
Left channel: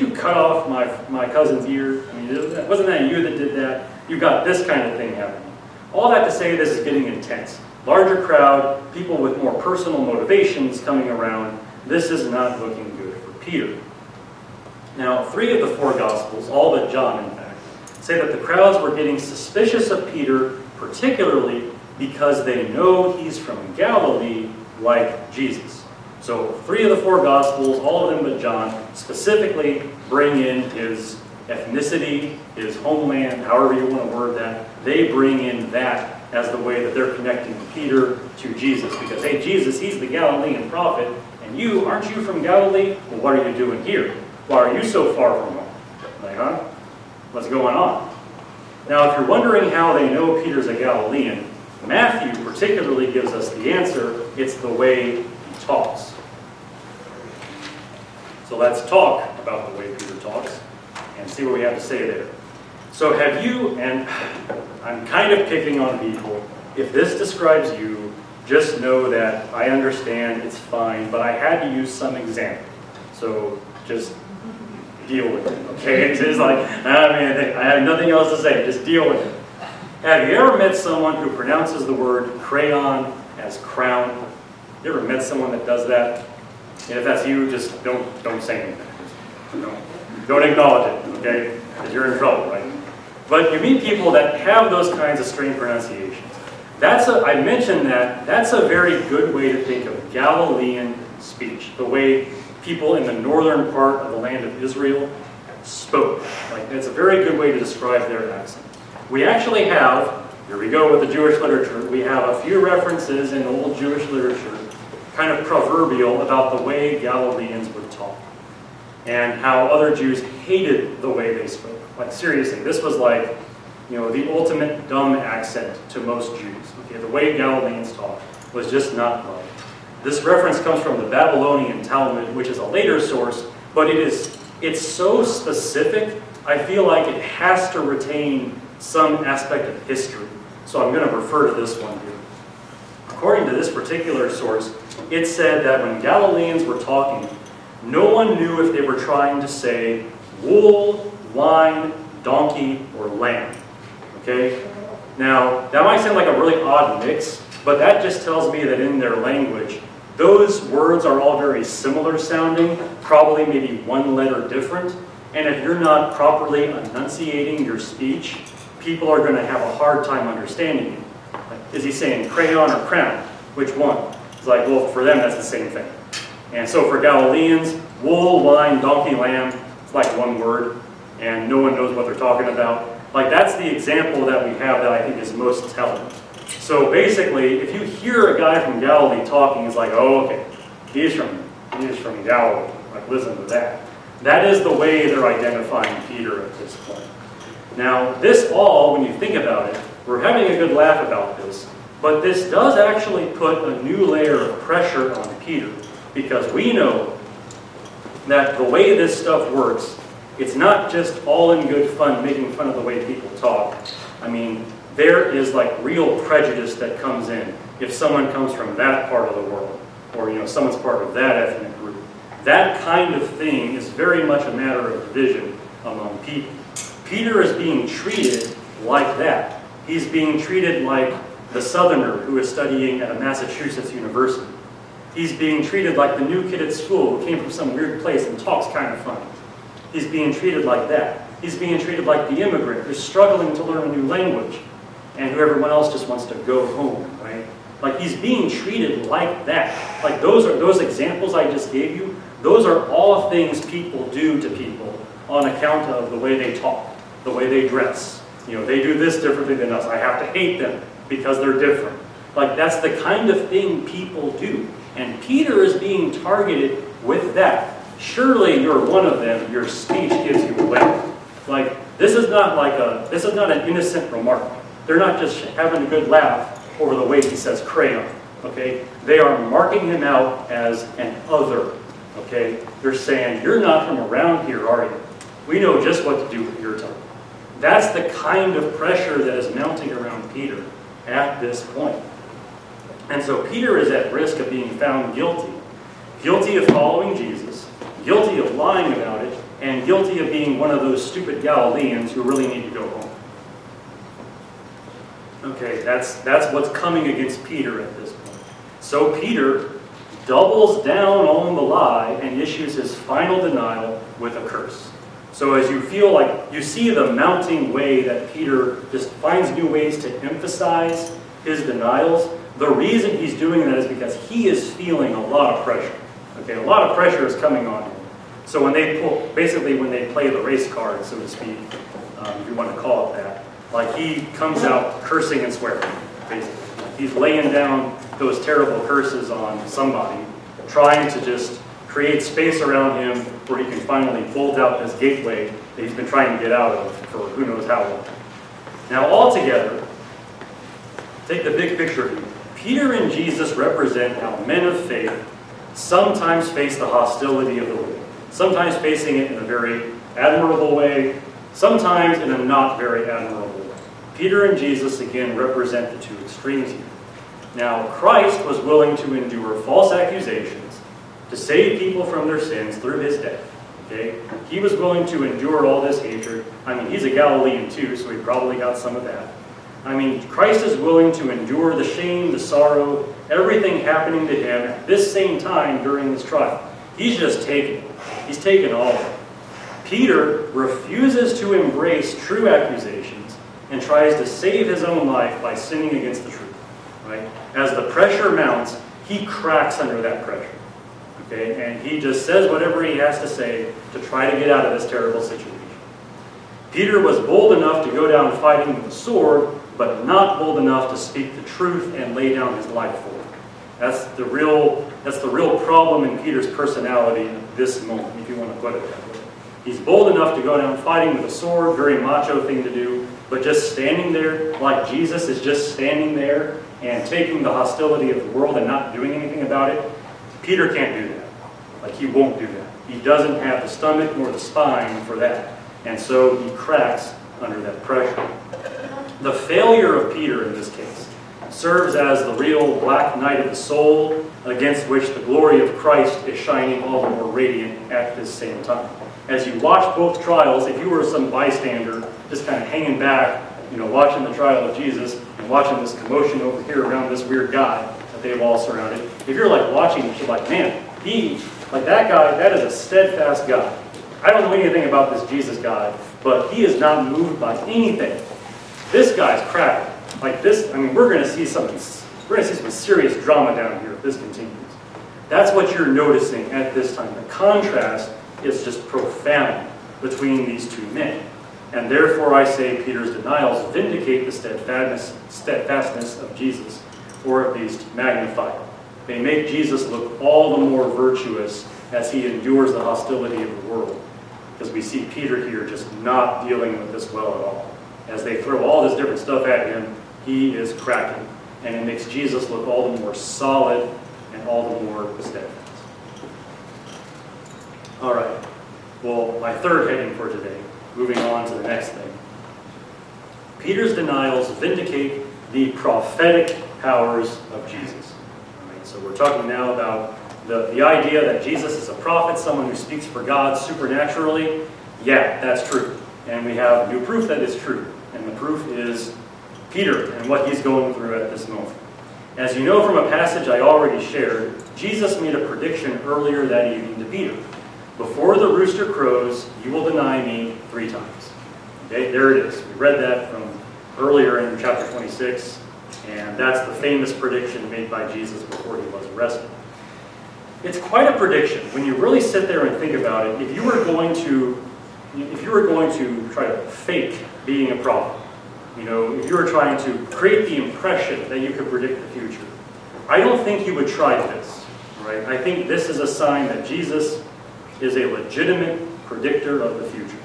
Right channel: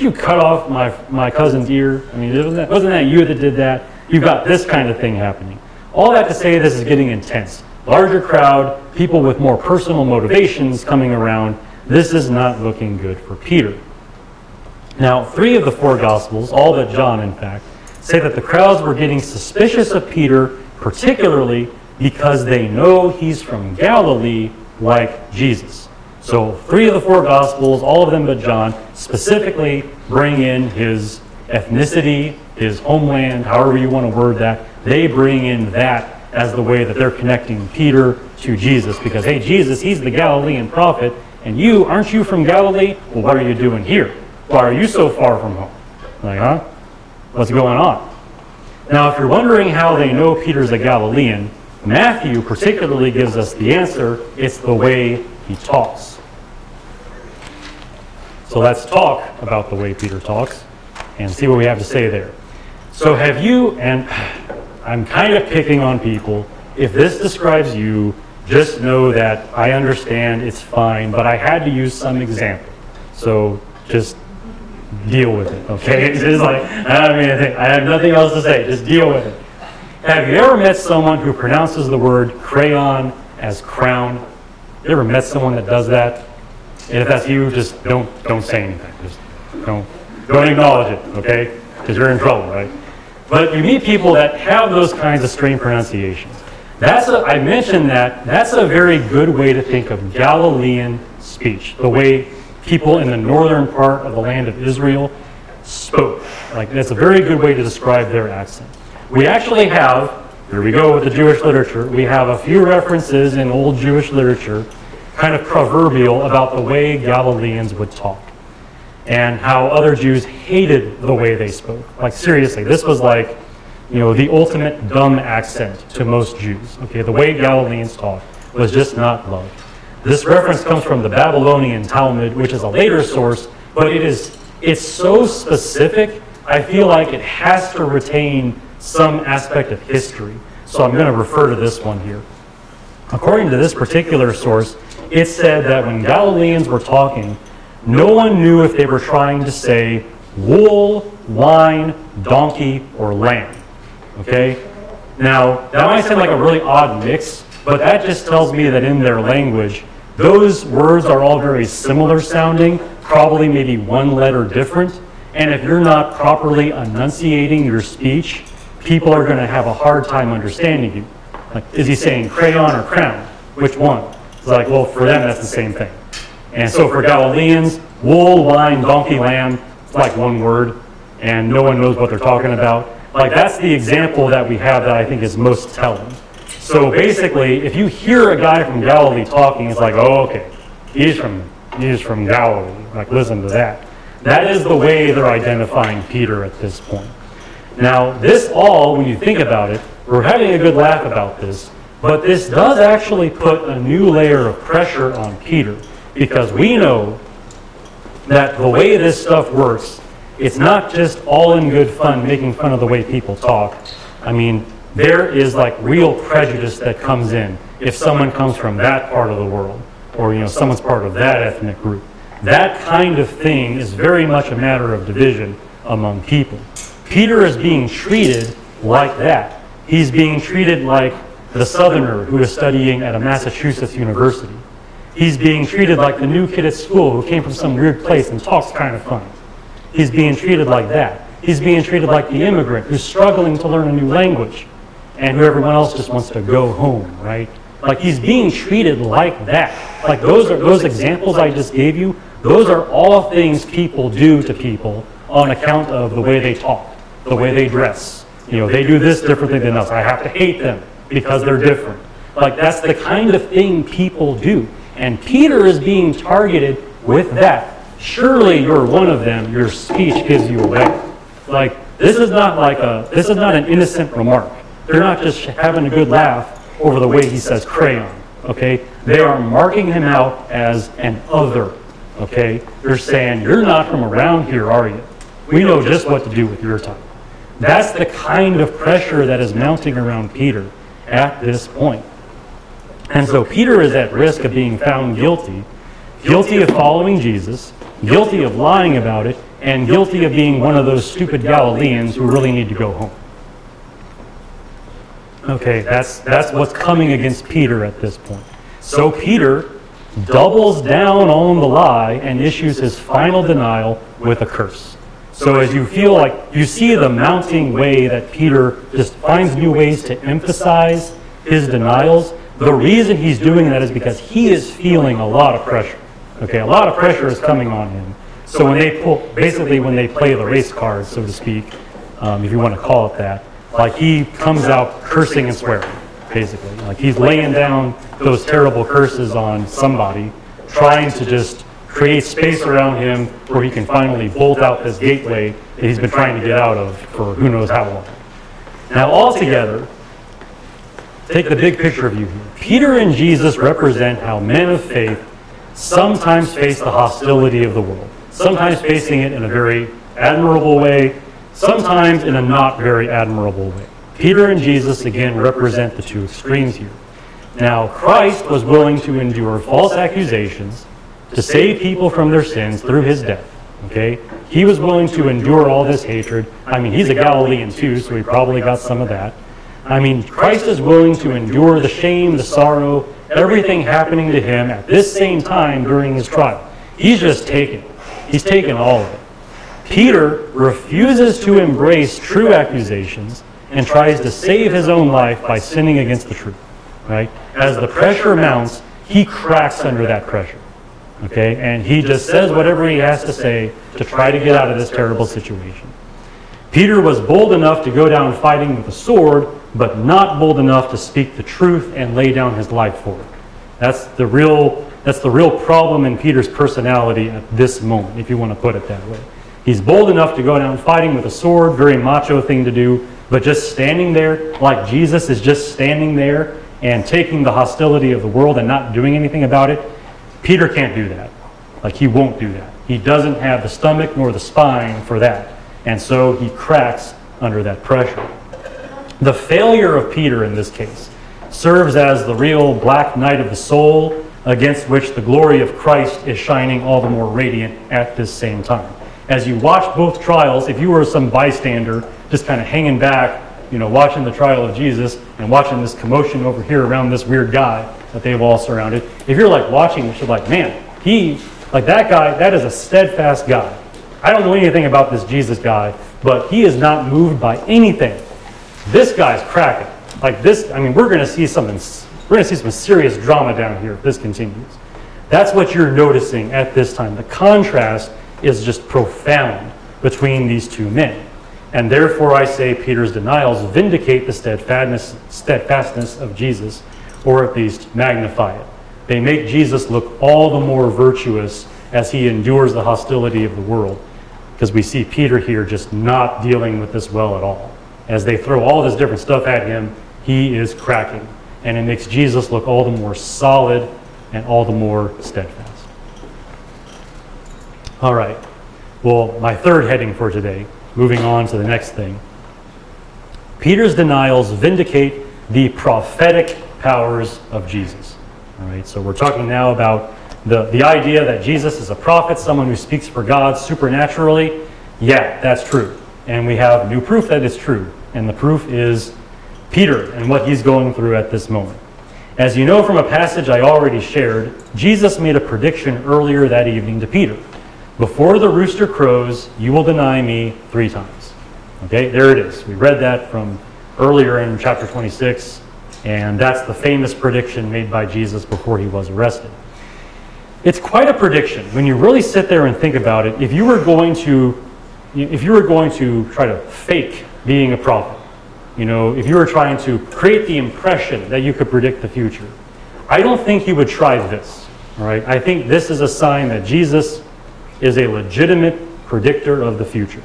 you cut off my cousin's ear? I mean, wasn't that you that did that? You got this kind of thing happening. All that to say, this is getting intense. Larger crowd, people with more personal motivations coming around. This is not looking good for Peter. Now, three of the four Gospels, all but John in fact, say that the crowds were getting suspicious of Peter, particularly because they know he's from Galilee like Jesus. So 3 of the 4 Gospels, all of them but John, specifically bring in his ethnicity, his homeland, however you want to word that. They bring in that as the way that they're connecting Peter to Jesus. Because, hey, Jesus, he's the Galilean prophet, and you, aren't you from Galilee? Well, what are you doing here? Why are you so far from home? Like, huh? What's going on? Now, if you're wondering how they know Peter's a Galilean, Matthew particularly gives us the answer. It's the way he talks. So let's talk about the way Peter talks and see what we have to say there. So have you, and I'm kind of picking on people, if this describes you, just know that I understand, it's fine, but I had to use some example. So just deal with it, okay? It's just like, I have nothing else to say, just deal with it. Have you ever met someone who pronounces the word crayon as crown? You ever met someone that does that? If that's you, just don't say anything. Just don't acknowledge it, okay? Because you're in trouble, right? But you meet people that have those kinds of strange pronunciations. I mentioned that's a very good way to think of Galilean speech, the way people in the northern part of the land of Israel spoke. Like, it's a very good way to describe their accent. We actually have, here we go with the Jewish literature, we have a few references in old Jewish literature, kind of proverbial, about the way Galileans would talk and how other Jews hated the way they spoke. Like, seriously, this was like, the ultimate dumb accent to most Jews. Okay, the way Galileans talked was just not loved. This reference comes from the Babylonian Talmud, which is a later source, but it's so specific, I feel like it has to retain some aspect of history. So I'm going to refer to this one here. According to this particular source, it said that when Galileans were talking, no one knew if they were trying to say wool, wine, donkey, or lamb. Okay? Now, that might sound like a really odd mix, but that just tells me that in their language, those words are all very similar sounding, probably maybe one letter different. And if you're not properly enunciating your speech, people are going to have a hard time understanding you. Like, is he saying crayon or crown? Which one? It's like, well, for them, that's the same thing. And so for Galileans, wool, wine, donkey, lamb, it's like one word, and no one knows what they're talking about. Like, that's the example that we have that I think is most telling. So basically, if you hear a guy from Galilee talking, it's like, oh, okay, he's from Galilee. Like, listen to that. That is the way they're identifying Peter at this point. Now, this all, when you think about it, we're having a good laugh about this, but this does actually put a new layer of pressure on Peter, because we know that the way this stuff works, it's not just all in good fun making fun of the way people talk. I mean, there is like real prejudice that comes in if someone comes from that part of the world, or someone's part of that ethnic group. That kind of thing is very much a matter of division among people. Peter is being treated like that. He's being treated like the Southerner who is studying at a Massachusetts university. He's being treated like the new kid at school who came from some weird place and talks kind of funny. He's being treated like that. He's being treated like the immigrant who's struggling to learn a new language, and who everyone else just wants to go home, right? Like, he's being treated like that. Like, those examples I just gave you, those are all things people do to people on account of the way they talk, the way they dress. They do this differently than us. I have to hate them because they're different. Like, that's the kind of thing people do. And Peter is being targeted with that. Surely you're one of them. Your speech gives you away. Like, this is not an innocent remark. They're not just having a good laugh over the way he says crayon. Okay? They are marking him out as an other. Okay? They're saying, you're not from around here, are you? We know just what to do with your tongue. That's the kind of pressure that is mounting around Peter at this point. And so Peter is at risk of being found guilty of following Jesus, guilty of lying about it, and guilty of being one of those stupid Galileans who really need to go home. Okay, that's what's coming against Peter at this point. So Peter doubles down on the lie and issues his final denial with a curse. So as you feel like you see the mounting way that Peter just finds new ways to emphasize his denials, the reason he's doing that is because he is feeling a lot of pressure. Okay, a lot of pressure is coming on him. So when they when they play the race card, so to speak, if you want to call it that, like he comes out cursing and swearing, basically. Like he's laying down those terrible curses on somebody, trying to just create space around him where he can finally bolt out this gateway that he's been trying to get out of for who knows how long. Now, altogether, take the big picture view. Peter and Jesus represent how men of faith sometimes face the hostility of the world, sometimes facing it in a very admirable way, sometimes in a not very admirable way. Peter and Jesus, again, represent the two extremes here. Now, Christ was willing to endure false accusations to save people from their sins through his death. Okay? He was willing to endure all this hatred. I mean, he's a Galilean too, so he probably got some of that. I mean, Christ is willing to endure the shame, the sorrow, everything happening to him at this same time during his trial. He's just taking it. He's taking all of it. Peter refuses to embrace true accusations and tries to save his own life by sinning against the truth. Right? As the pressure mounts, he cracks under that pressure. Okay? And he just says whatever he has to say to try to get out of this terrible situation. Peter was bold enough to go down fighting with a sword, but not bold enough to speak the truth and lay down his life for it. That's the real problem in Peter's personality at this moment, if you want to put it that way. He's bold enough to go down fighting with a sword, very macho thing to do, but just standing there like Jesus is just standing there and taking the hostility of the world and not doing anything about it, Peter can't do that. Like, he won't do that. He doesn't have the stomach nor the spine for that. And so he cracks under that pressure. The failure of Peter in this case serves as the real black night of the soul against which the glory of Christ is shining all the more radiant at this same time. As you watch both trials, if you were some bystander just kind of hanging back, watching the trial of Jesus and watching this commotion over here around this weird guy that they've all surrounded, if you're like watching this, you're like, man, that guy, that is a steadfast guy. I don't know anything about this Jesus guy, but he is not moved by anything. This guy's cracking. Like this, we're going to see some serious drama down here if this continues. That's what you're noticing at this time. The contrast is just profound between these two men. And therefore I say Peter's denials vindicate the steadfastness of Jesus, or at least magnify it. They make Jesus look all the more virtuous as he endures the hostility of the world. Because we see Peter here just not dealing with this well at all. As they throw all this different stuff at him, he is cracking. And it makes Jesus look all the more solid and all the more steadfast. All right. Well, my third heading for today, moving on to the next thing. Peter's denials vindicate the prophetic powers of Jesus. All right, so we're talking now about the idea that Jesus is a prophet, someone who speaks for God supernaturally. Yeah, that's true. And we have new proof that is true. And the proof is Peter and what he's going through at this moment. As you know from a passage I already shared, Jesus made a prediction earlier that evening to Peter. Before the rooster crows, you will deny me 3 times. Okay, there it is. We read that from earlier in chapter 26, and that's the famous prediction made by Jesus before he was arrested. It's quite a prediction when you really sit there and think about it. If you were going to try to fake being a prophet, if you were trying to create the impression that you could predict the future, I don't think you would try this. Right? I think this is a sign that Jesus is a legitimate predictor of the future.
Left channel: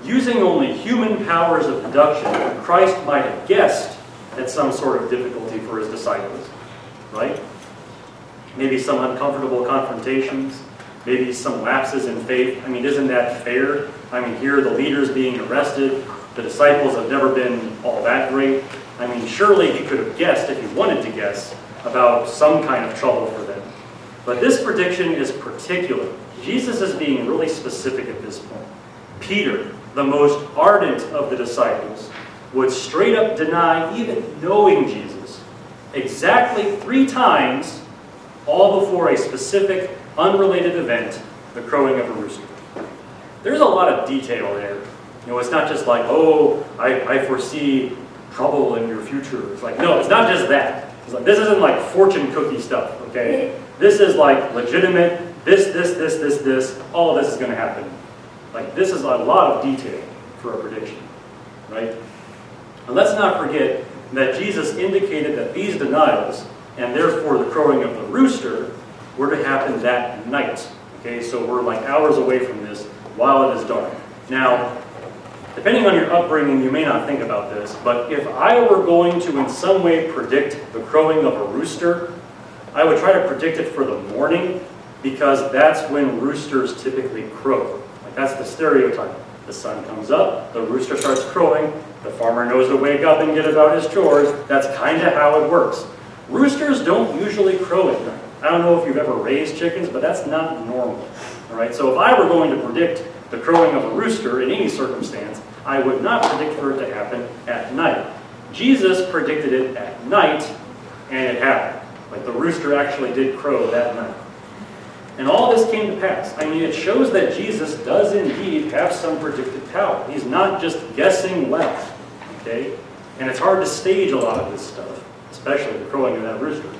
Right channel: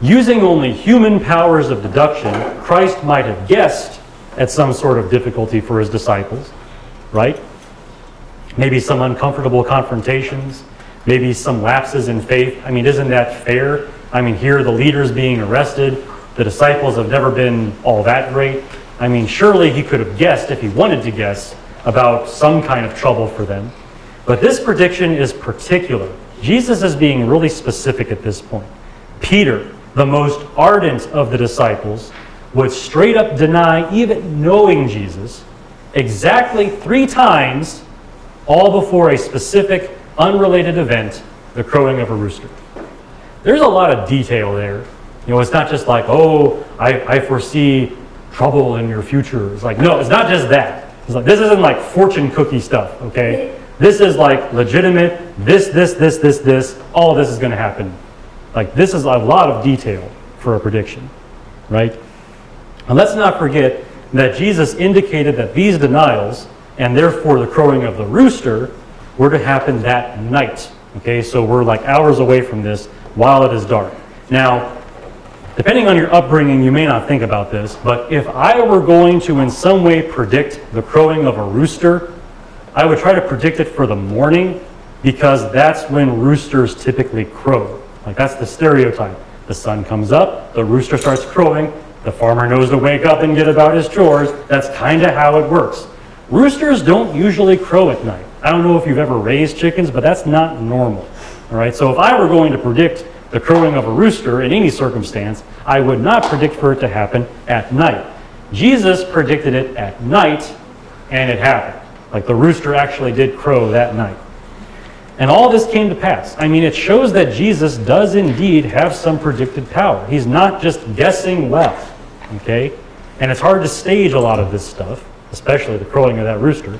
Using only human powers of deduction, Christ might have guessed at some sort of difficulty for his disciples, right? Maybe some uncomfortable confrontations, maybe some lapses in faith. Isn't that fair? Here the leader's being arrested. The disciples have never been all that great. Surely he could have guessed, if he wanted to guess, about some kind of trouble for them. But this prediction is particular. Jesus is being really specific at this point. Peter, the most ardent of the disciples, would straight up deny even knowing Jesus exactly 3 times, all before a specific, unrelated event, the crowing of a rooster. There's a lot of detail there. It's not just like, I foresee trouble in your future. It's like, no, it's not just that. It's like, this isn't like fortune cookie stuff, okay? This is like legitimate, this, all this is going to happen. Like, this is a lot of detail for a prediction, right? And let's not forget that Jesus indicated that these denials, and therefore the crowing of the rooster, were to happen that night. Okay, so we're like hours away from this while it is dark. Now, depending on your upbringing, you may not think about this, but if I were going to in some way predict the crowing of a rooster, I would try to predict it for the morning, because that's when roosters typically crow. Like, that's the stereotype. The sun comes up, the rooster starts crowing, the farmer knows to wake up and get about his chores. That's kind of how it works. Roosters don't usually crow at night. I don't know if you've ever raised chickens, but that's not normal. All right, so if I were going to predict the crowing of a rooster in any circumstance, I would not predict for it to happen at night. Jesus predicted it at night, and it happened. Like, the rooster actually did crow that night. And all this came to pass. I mean, it shows that Jesus does indeed have some predictive power. He's not just guessing well, okay? And it's hard to stage a lot of this stuff, especially the crowing of that rooster.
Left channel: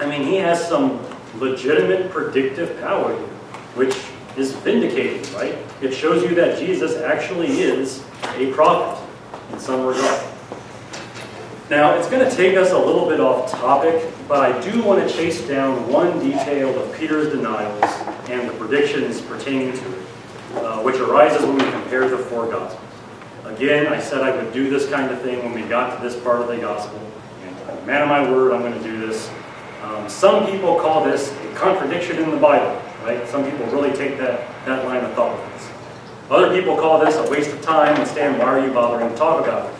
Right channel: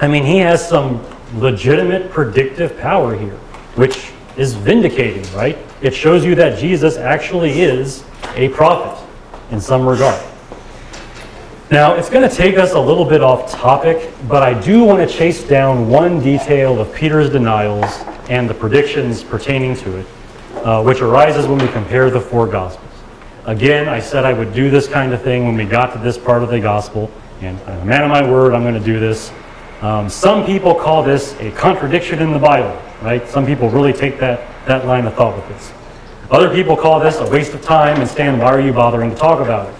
I mean, he has some legitimate predictive power here, which is vindicating, right? It shows you that Jesus actually is a prophet in some regard. Now, it's going to take us a little bit off topic, but I do want to chase down one detail of Peter's denials and the predictions pertaining to it, which arises when we compare the four Gospels. Again, I said I would do this kind of thing when we got to this part of the Gospel, and man of my word, I'm going to do this. Some people call this a contradiction in the Bible, right? Some people really take that line of thought with this. Other people call this a waste of time, and Stan, why are you bothering to talk about it?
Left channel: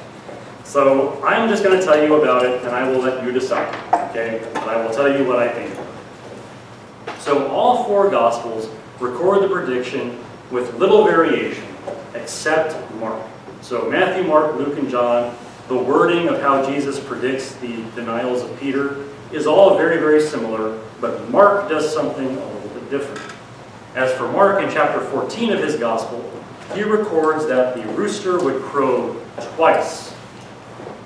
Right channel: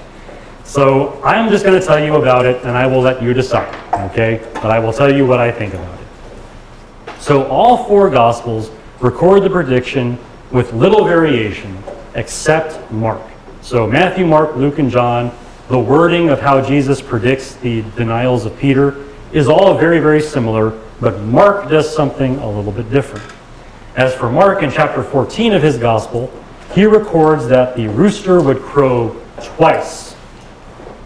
So I'm just going to tell you about it, and I will let you decide, okay? But I will tell you what I think about it. So all four Gospels record the prediction with little variation, except Mark. So Matthew, Mark, Luke, and John, the wording of how Jesus predicts the denials of Peter is all very, very similar, but Mark does something a little bit different. As for Mark, in chapter 14 of his Gospel, he records that the rooster would crow twice.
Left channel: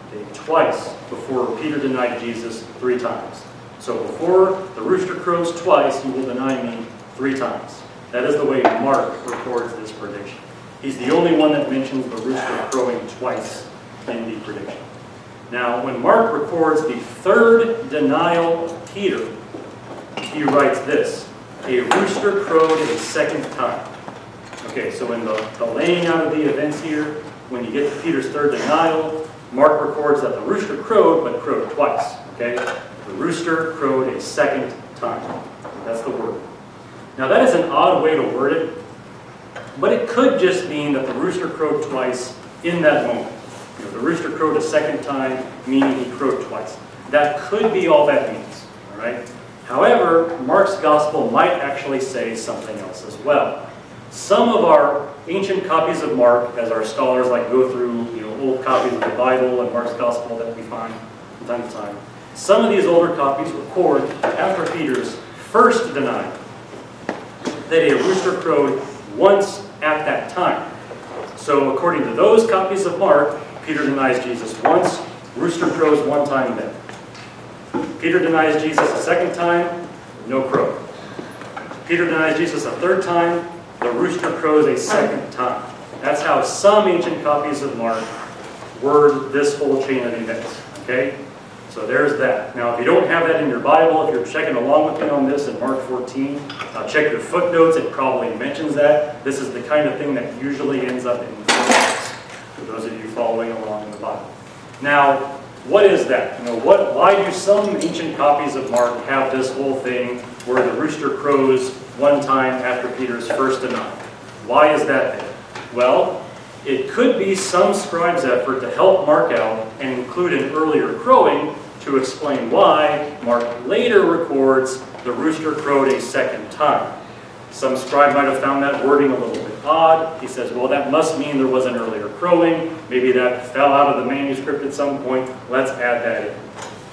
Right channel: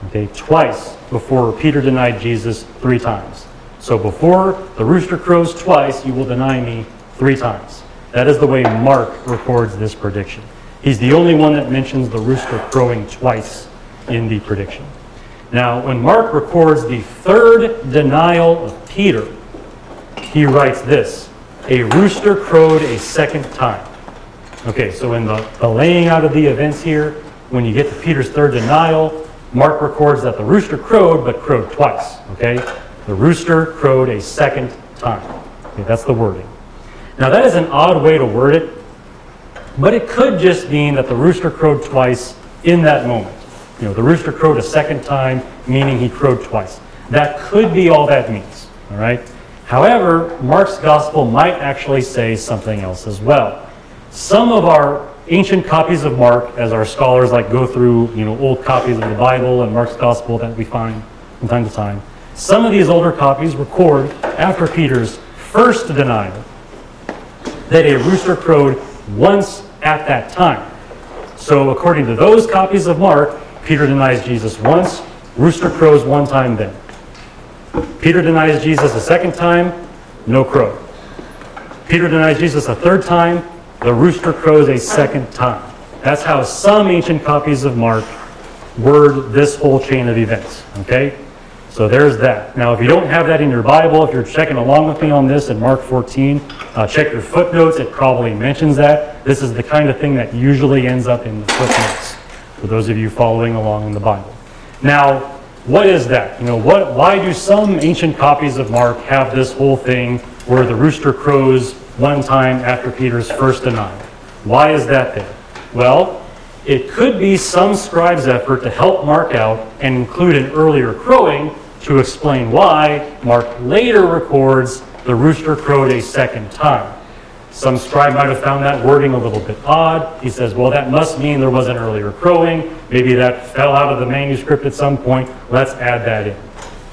Okay, twice before Peter denied Jesus 3 times. So before the rooster crows twice, you will deny me 3 times. That is the way Mark records this prediction. He's the only one that mentions the rooster crowing twice in the prediction. Now, when Mark records the 3rd denial of Peter, he writes this: a rooster crowed a 2nd time. Okay, so in the laying out of the events here, when you get to Peter's 3rd denial, Mark records that the rooster crowed, but crowed twice. Okay, the rooster crowed a 2nd time. Okay, that's the wording. Now, that is an odd way to word it, but it could just mean that the rooster crowed twice in that moment. You know, the rooster crowed a 2nd time, meaning he crowed twice. That could be all that means, all right? However, Mark's Gospel might actually say something else as well. Some of our ancient copies of Mark, as our scholars like go through, old copies of the Bible and Mark's Gospel that we find from time to time, some of these older copies record, after Peter's 1st denial, that a rooster crowed once at that time. So according to those copies of Mark, Peter denies Jesus once, rooster crows 1 time then. Peter denies Jesus a 2nd time, no crow. Peter denies Jesus a 3rd time, the rooster crows a 2nd time. That's how some ancient copies of Mark word this whole chain of events, okay? So there's that. Now, if you don't have that in your Bible, if you're checking along with me on this in Mark 14, check your footnotes. It probably mentions that. This is the kind of thing that usually ends up in the footnotes, for those of you following along in the Bible. Now, what is that? Why do some ancient copies of Mark have this whole thing where the rooster crows 1 time after Peter's 1st denial? Why is that there? Well, it could be some scribe's effort to help Mark out and include an earlier crowing to explain why Mark later records the rooster crowed a 2nd time. Some scribe might have found that wording a little bit odd. He says, well, that must mean there was an earlier crowing. Maybe that fell out of the manuscript at some point. Let's add that in.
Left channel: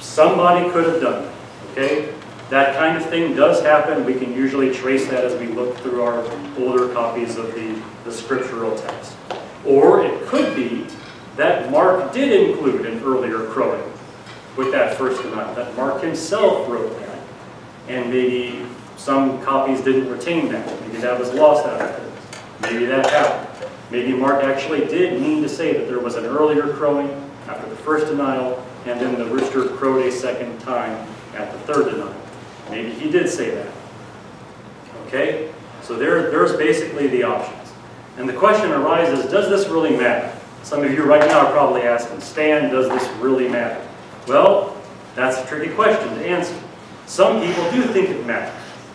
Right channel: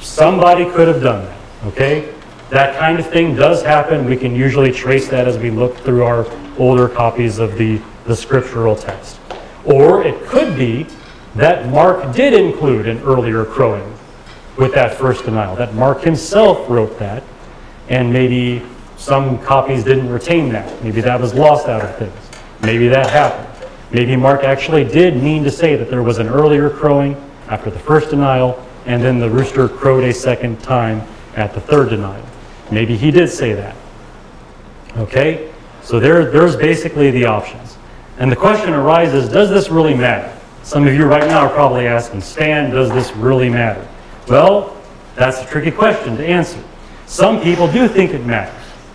Somebody could have done that, okay? That kind of thing does happen. We can usually trace that as we look through our older copies of the scriptural text. Or it could be that Mark did include an earlier crowing with that first denial, that Mark himself wrote that, and maybe some copies didn't retain that. Maybe that was lost out of things. Maybe that happened. Maybe Mark actually did mean to say that there was an earlier crowing after the first denial, and then the rooster crowed a second time at the third denial. Maybe he did say that. Okay? So there's basically the options. And the question arises, does this really matter? Some of you right now are probably asking, Stan, does this really matter? Well, that's a tricky question to answer. Some people do think it matters,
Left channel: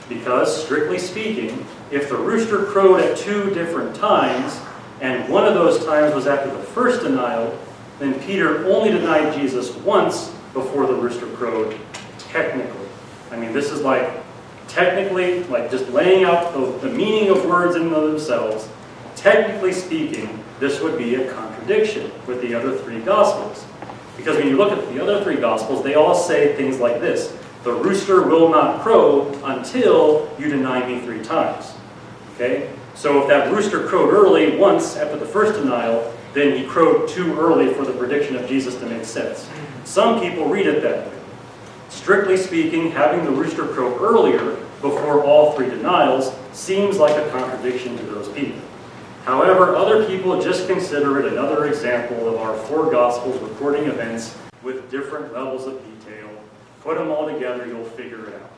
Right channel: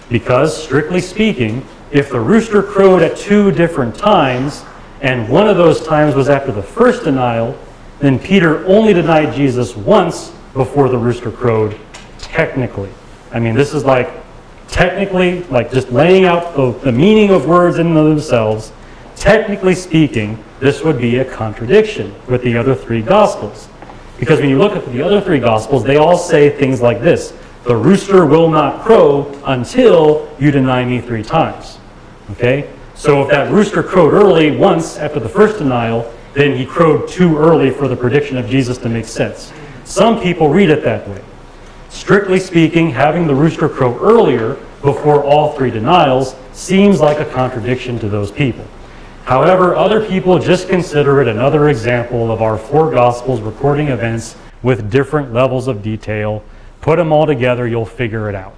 because strictly speaking, if the rooster crowed at 2 different times, and one of those times was after the first denial, then Peter only denied Jesus once before the rooster crowed, technically. I mean, this is like, technically, like just laying out the meaning of words in themselves. Technically speaking, this would be a contradiction with the other 3 Gospels. Because when you look at the other 3 Gospels, they all say things like this: the rooster will not crow until you deny me 3 times. Okay? So if that rooster crowed early once after the first denial, then he crowed too early for the prediction of Jesus to make sense. Some people read it that way. Strictly speaking, having the rooster crow earlier before all 3 denials seems like a contradiction to those people. However, other people just consider it another example of our 4 Gospels recording events with different levels of detail. Put them all together, you'll figure it out.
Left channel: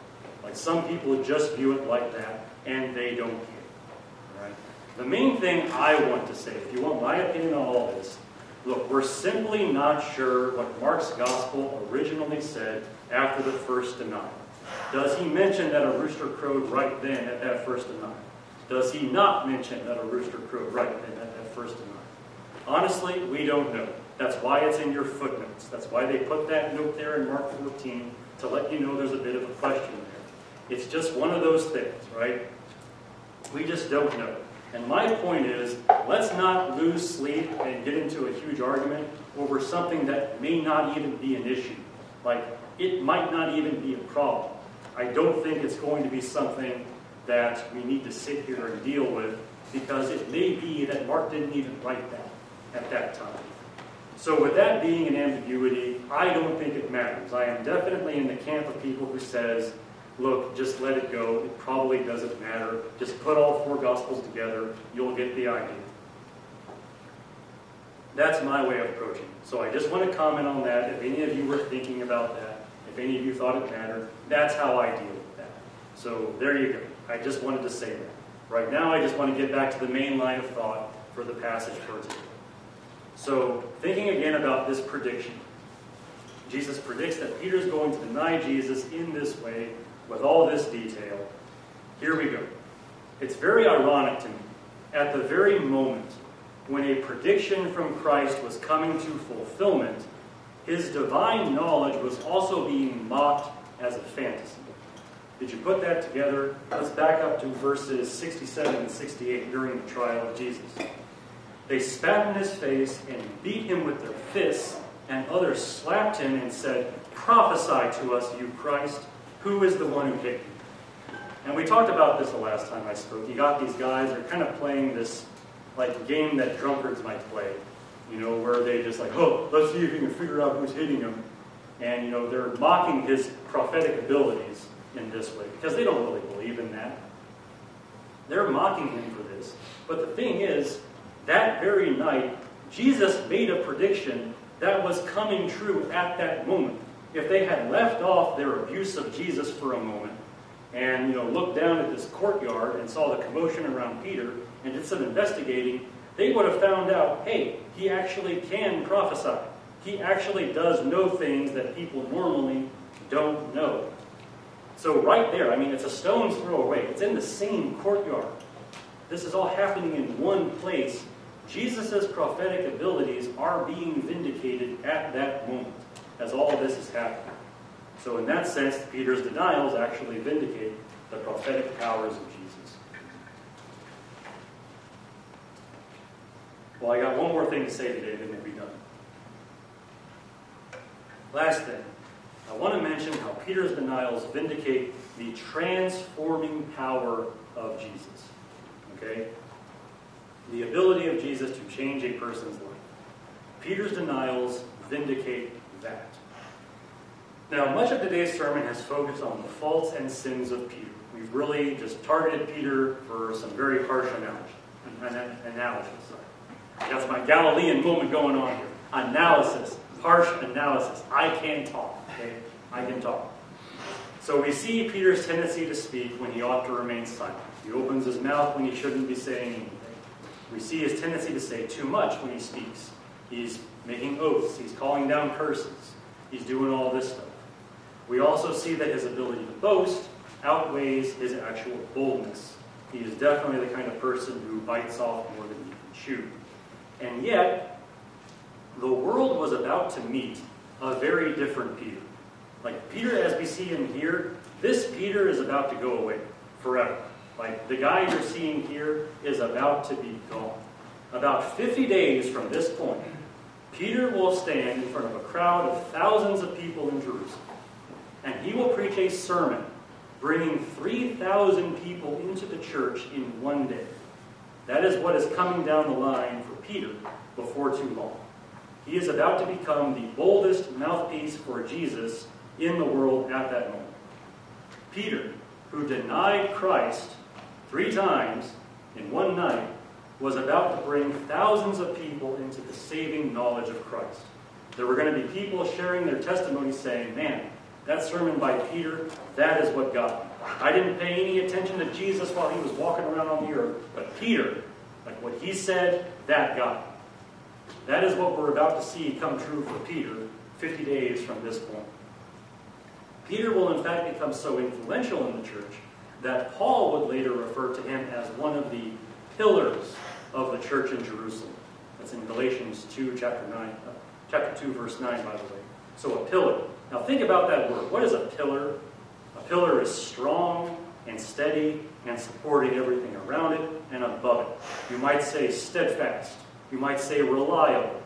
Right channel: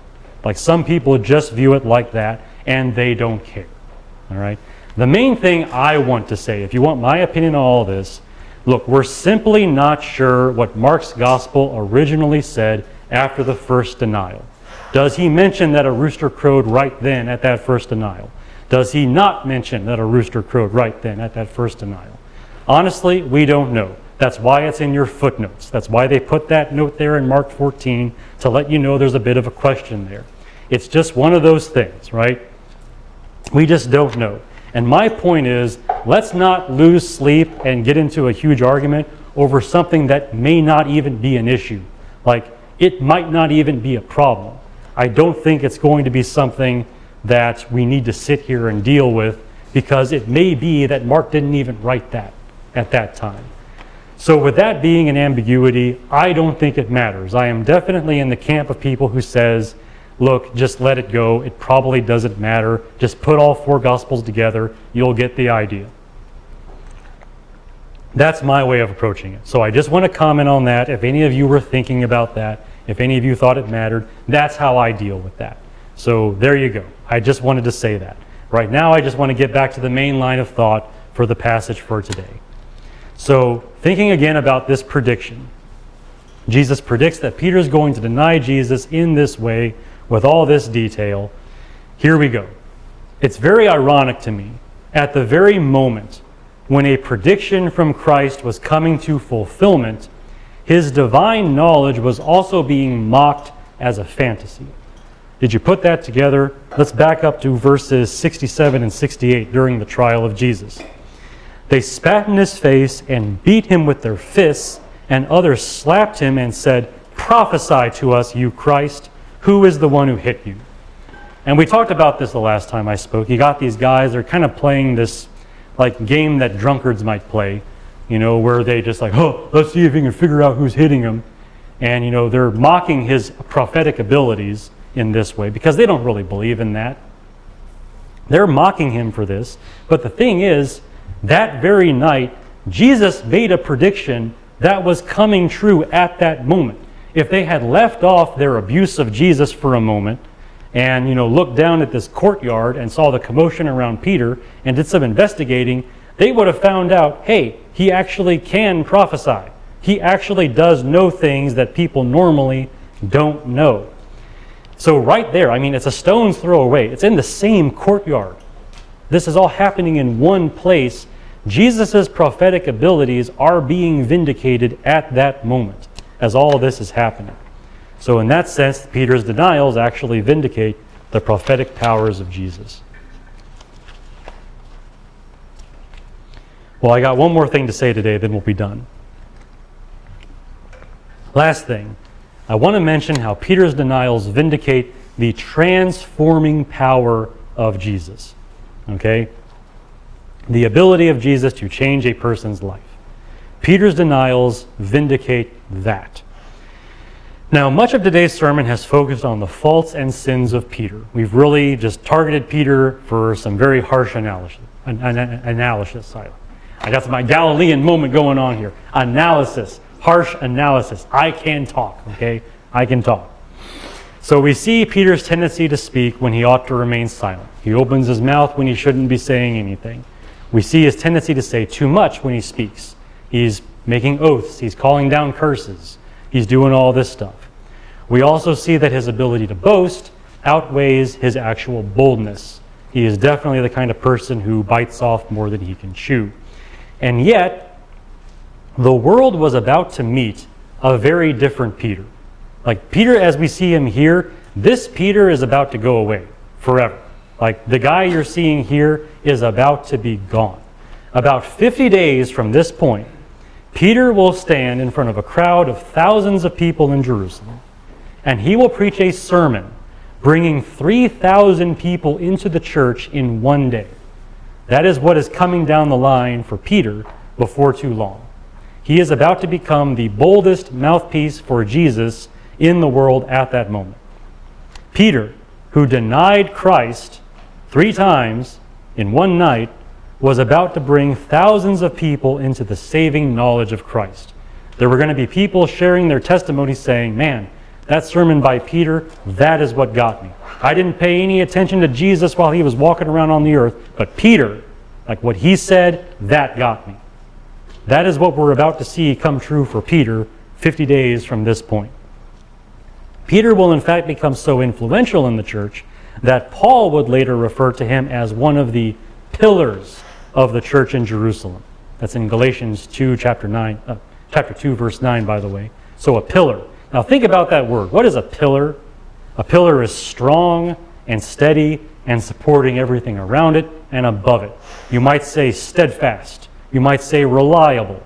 Like, some people just view it like that, and they don't care. All right? The main thing I want to say, if you want my opinion on all this, look, we're simply not sure what Mark's Gospel originally said after the first denial. Does he mention that a rooster crowed right then at that first denial? Does he not mention that a rooster crowed right then at that first denial? Honestly, we don't know. That's why it's in your footnotes. That's why they put that note there in Mark 14 to let you know there's a bit of a question there. It's just one of those things, right? We just don't know. And my point is, let's not lose sleep and get into a huge argument over something that may not even be an issue. Like, it might not even be a problem. I don't think it's going to be something that we need to sit here and deal with, because it may be that Mark didn't even write that at that time. So with that being an ambiguity, I don't think it matters. I am definitely in the camp of people who says, look, just let it go. It probably doesn't matter. Just put all 4 Gospels together. You'll get the idea. That's my way of approaching it. So I just want to comment on that. If any of you were thinking about that, if any of you thought it mattered, that's how I deal with that. So there you go. I just wanted to say that. Right now, I just want to get back to the main line of thought for the passage for today. So thinking again about this prediction, Jesus predicts that Peter is going to deny Jesus in this way with all this detail. Here we go. It's very ironic to me, at the very moment when a prediction from Christ was coming to fulfillment, his divine knowledge was also being mocked as a fantasy. Did you put that together? Let's back up to verses 67 and 68 during the trial of Jesus. They spat in his face and beat him with their fists, and others slapped him and said, "Prophesy to us, you Christ. Who is the one who hit you?" And we talked about this the last time I spoke. You got these guys, they're kind of playing this like game that drunkards might play, you know, where they just like, oh, let's see if we can figure out who's hitting him. And, you know, they're mocking his prophetic abilities in this way because they don't really believe in that. They're mocking him for this. But the thing is, that very night, Jesus made a prediction that was coming true at that moment. If they had left off their abuse of Jesus for a moment and, you know, looked down at this courtyard and saw the commotion around Peter and did some investigating, they would have found out, hey, he actually can prophesy. He actually does know things that people normally don't know. So right there, I mean, it's a stone's throw away. It's in the same courtyard. This is all happening in one place. Jesus' prophetic abilities are being vindicated at that moment as all of this is happening. So in that sense, Peter's denials actually vindicate the prophetic powers of Jesus. Well, I got one more thing to say today, then we'll be done. Last thing, I want to mention how Peter's denials vindicate the transforming power of Jesus. Okay? The ability of Jesus to change a person's life. Peter's denials vindicate that. Now, much of today's sermon has focused on the faults and sins of Peter. We've really just targeted Peter for some very harsh analysis. I got my Galilean moment going on here. Analysis, harsh analysis. I can talk, okay? I can talk. So we see Peter's tendency to speak when he ought to remain silent. He opens his mouth when he shouldn't be saying anything. We see his tendency to say too much when he speaks. He's making oaths. He's calling down curses. He's doing all this stuff. We also see that his ability to boast outweighs his actual boldness. He is definitely the kind of person who bites off more than he can chew. And yet, the world was about to meet a very different Peter. Like Peter, as we see him here, this Peter is about to go away forever. Like the guy you're seeing here is about to be gone. About 50 days from this point, Peter will stand in front of a crowd of thousands of people in Jerusalem, and he will preach a sermon bringing 3,000 people into the church in one day. That is what is coming down the line for Peter before too long. He is about to become the boldest mouthpiece for Jesus in the world at that moment. Peter, who denied Christ 3 times in one night, was about to bring thousands of people into the saving knowledge of Christ. There were going to be people sharing their testimony saying, man, that sermon by Peter, that is what got me. I didn't pay any attention to Jesus while he was walking around on the earth, but Peter, like what he said, that got me. That is what we're about to see come true for Peter 50 days from this point. Peter will in fact become so influential in the church that Paul would later refer to him as one of the pillars of the church in Jerusalem. That's in Galatians 2, chapter 2, verse 9, by the way. So a pillar. Now think about that word. What is a pillar? A pillar is strong and steady and supporting everything around it and above it. You might say steadfast. You might say reliable.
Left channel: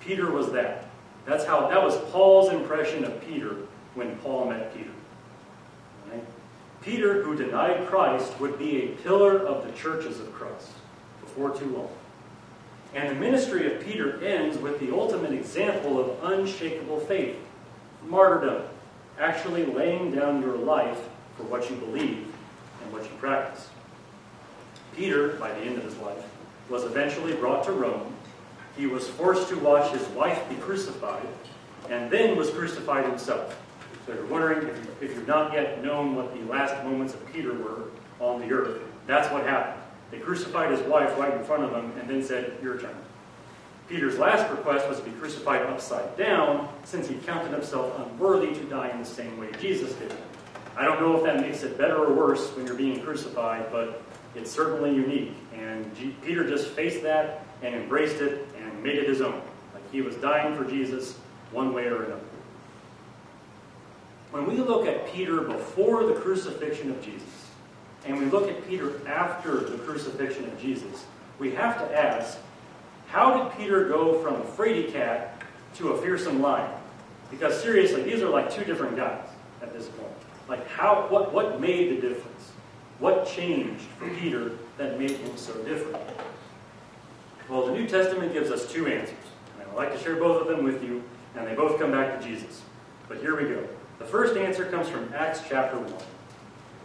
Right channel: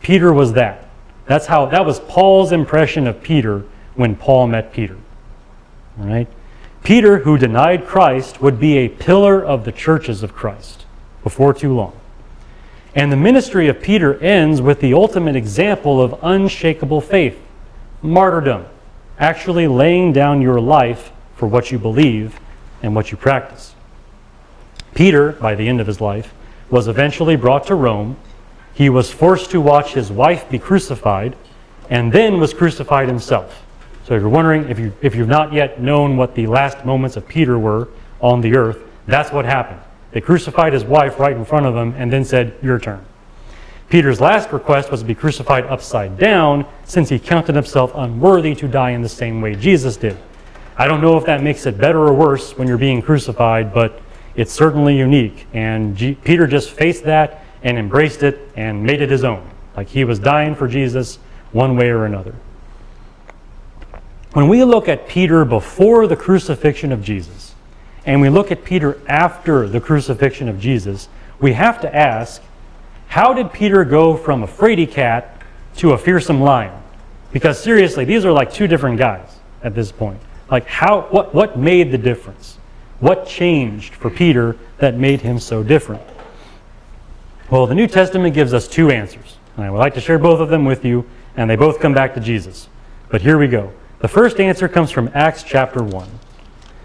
Peter was that. That was Paul's impression of Peter when Paul met Peter. All right? Peter, who denied Christ, would be a pillar of the churches of Christ before too long. And the ministry of Peter ends with the ultimate example of unshakable faith, martyrdom, actually laying down your life for what you believe and what you practice. Peter, by the end of his life, was eventually brought to Rome. He was forced to watch his wife be crucified, and then was crucified himself. So if you're wondering, if you've not yet known what the last moments of Peter were on the earth, that's what happened. They crucified his wife right in front of him and then said, your turn. Peter's last request was to be crucified upside down, since he counted himself unworthy to die in the same way Jesus did. I don't know if that makes it better or worse when you're being crucified, but it's certainly unique. And Peter just faced that and embraced it and made it his own. Like he was dying for Jesus one way or another. When we look at Peter before the crucifixion of Jesus, and we look at Peter after the crucifixion of Jesus, we have to ask, how did Peter go from a fraidy cat to a fearsome lion? Because seriously, these are like 2 different guys at this point. Like what made the difference? What changed for Peter that made him so different? Well, the New Testament gives us 2 answers. And I would like to share both of them with you, and they both come back to Jesus. But here we go. The first answer comes from Acts chapter 1.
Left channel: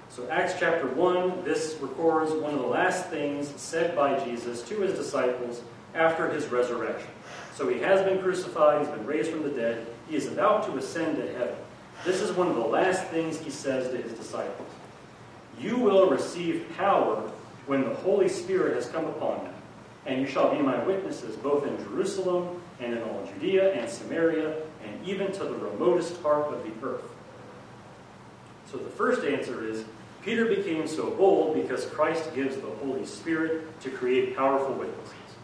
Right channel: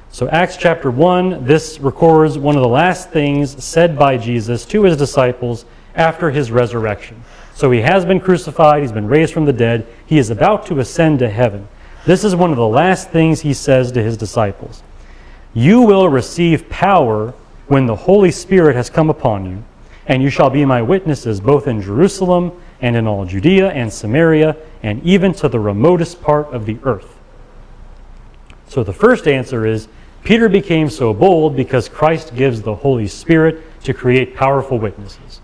So Acts chapter 1, this records one of the last things said by Jesus to his disciples after his resurrection. So he has been crucified, he's been raised from the dead, he is about to ascend to heaven. This is one of the last things he says to his disciples. You will receive power when the Holy Spirit has come upon you, and you shall be my witnesses both in Jerusalem and in all Judea and Samaria, and even to the remotest part of the earth. So the first answer is, Peter became so bold because Christ gives the Holy Spirit to create powerful witnesses.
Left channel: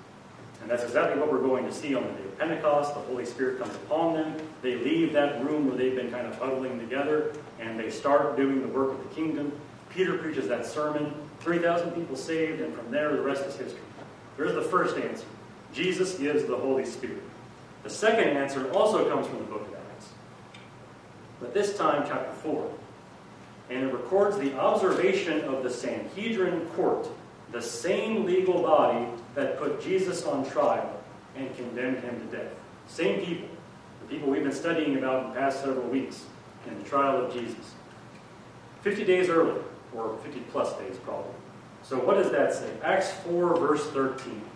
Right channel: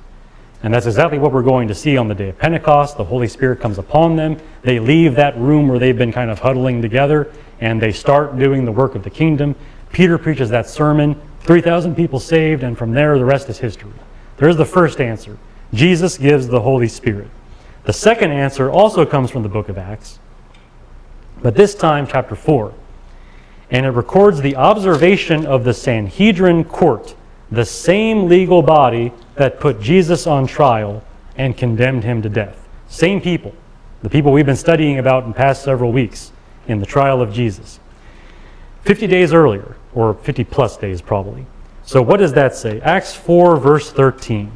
And that's exactly what we're going to see on the day of Pentecost. The Holy Spirit comes upon them. They leave that room where they've been kind of huddling together, and they start doing the work of the kingdom. Peter preaches that sermon, 3,000 people saved, and from there the rest is history. There's the first answer. Jesus gives the Holy Spirit. The second answer also comes from the book of Acts, but this time chapter 4. And it records the observation of the Sanhedrin court, the same legal body that put Jesus on trial and condemned him to death. Same people. The people we've been studying about in the past several weeks in the trial of Jesus. 50 days earlier, or 50 plus days probably. So what does that say? Acts 4 verse 13.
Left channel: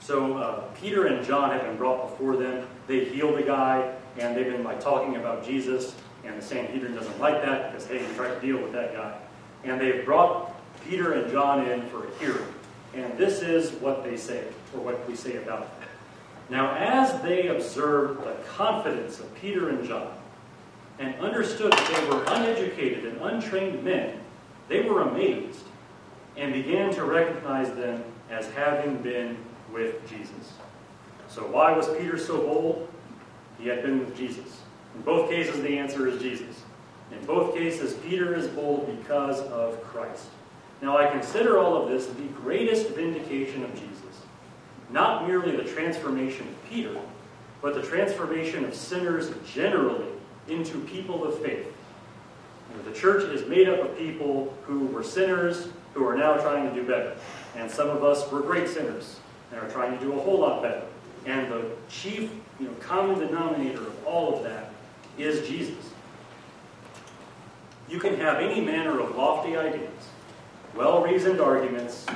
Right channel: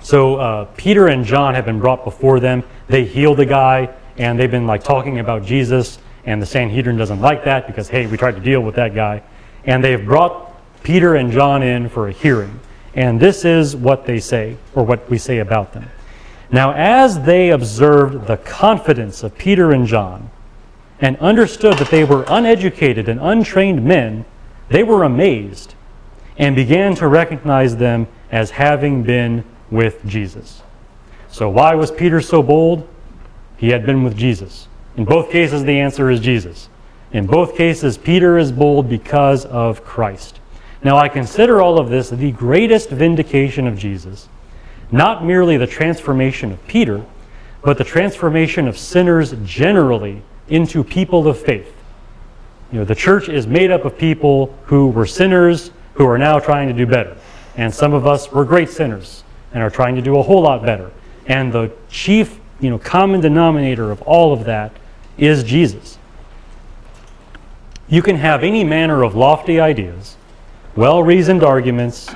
So Peter and John have been brought before them. They healed the guy, and they've been like talking about Jesus, and the Sanhedrin doesn't like that because, hey, we tried to deal with that guy. And they've brought Peter and John in for a hearing. And this is what they say, or what we say about them. Now, as they observed the confidence of Peter and John, and understood that they were uneducated and untrained men, they were amazed and began to recognize them as having been with Jesus. So why was Peter so bold? He had been with Jesus. In both cases, the answer is Jesus. In both cases, Peter is bold because of Christ. Now, I consider all of this the greatest vindication of Jesus. Not merely the transformation of Peter, but the transformation of sinners generally into people of faith. You know, the church is made up of people who were sinners who are now trying to do better. And some of us were great sinners and are trying to do a whole lot better. And the chief, common denominator of all of that is Jesus. You can have any manner of lofty ideas, well-reasoned arguments,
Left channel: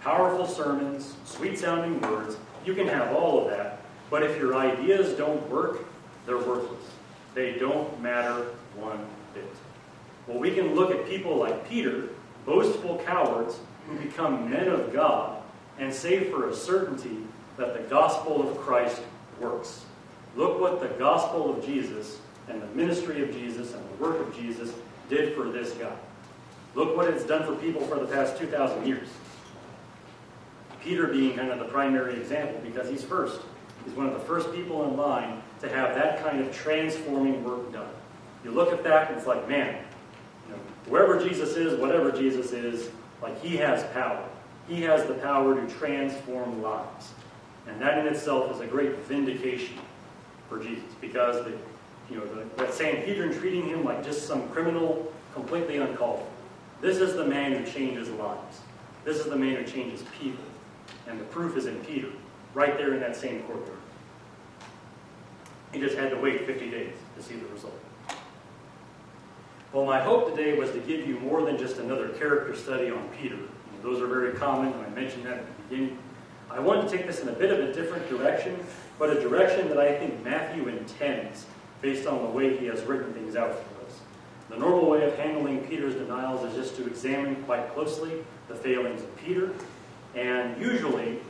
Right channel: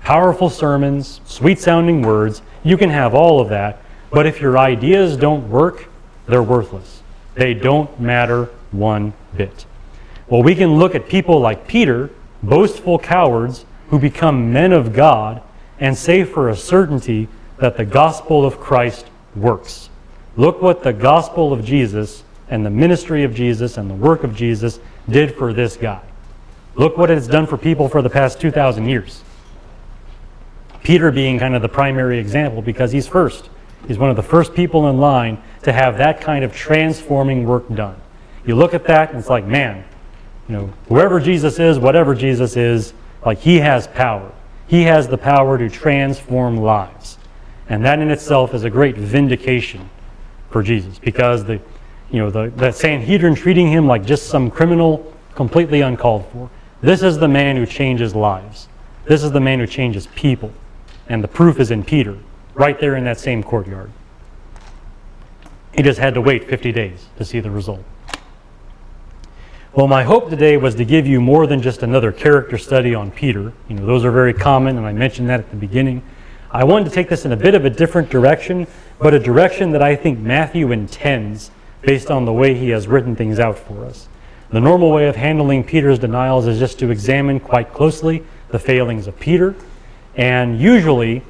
powerful sermons, sweet-sounding words. You can have all of that, but if your ideas don't work, they're worthless. They don't matter one bit. Well, we can look at people like Peter, boastful cowards who become men of God, and say for a certainty that the gospel of Christ works. Look what the gospel of Jesus and the ministry of Jesus and the work of Jesus did for this guy. Look what it's done for people for the past 2,000 years. Peter being kind of the primary example because he's first. He's one of the first people in line to have that kind of transforming work done. You look at that and it's like, man, whoever Jesus is, whatever Jesus is, like he has power. He has the power to transform lives. And that in itself is a great vindication for Jesus because the Sanhedrin treating him like just some criminal completely uncalled for. This is the man who changes lives. This is the man who changes people. And the proof is in Peter, right there in that same courtyard. He just had to wait 50 days to see the result. Well, my hope today was to give you more than just another character study on Peter. Those are very common, and I mentioned that at the beginning. I wanted to take this in a bit of a different direction, but a direction that I think Matthew intends based on the way he has written things out for us. The normal way of handling Peter's denials is just to examine quite closely the failings of Peter. And usually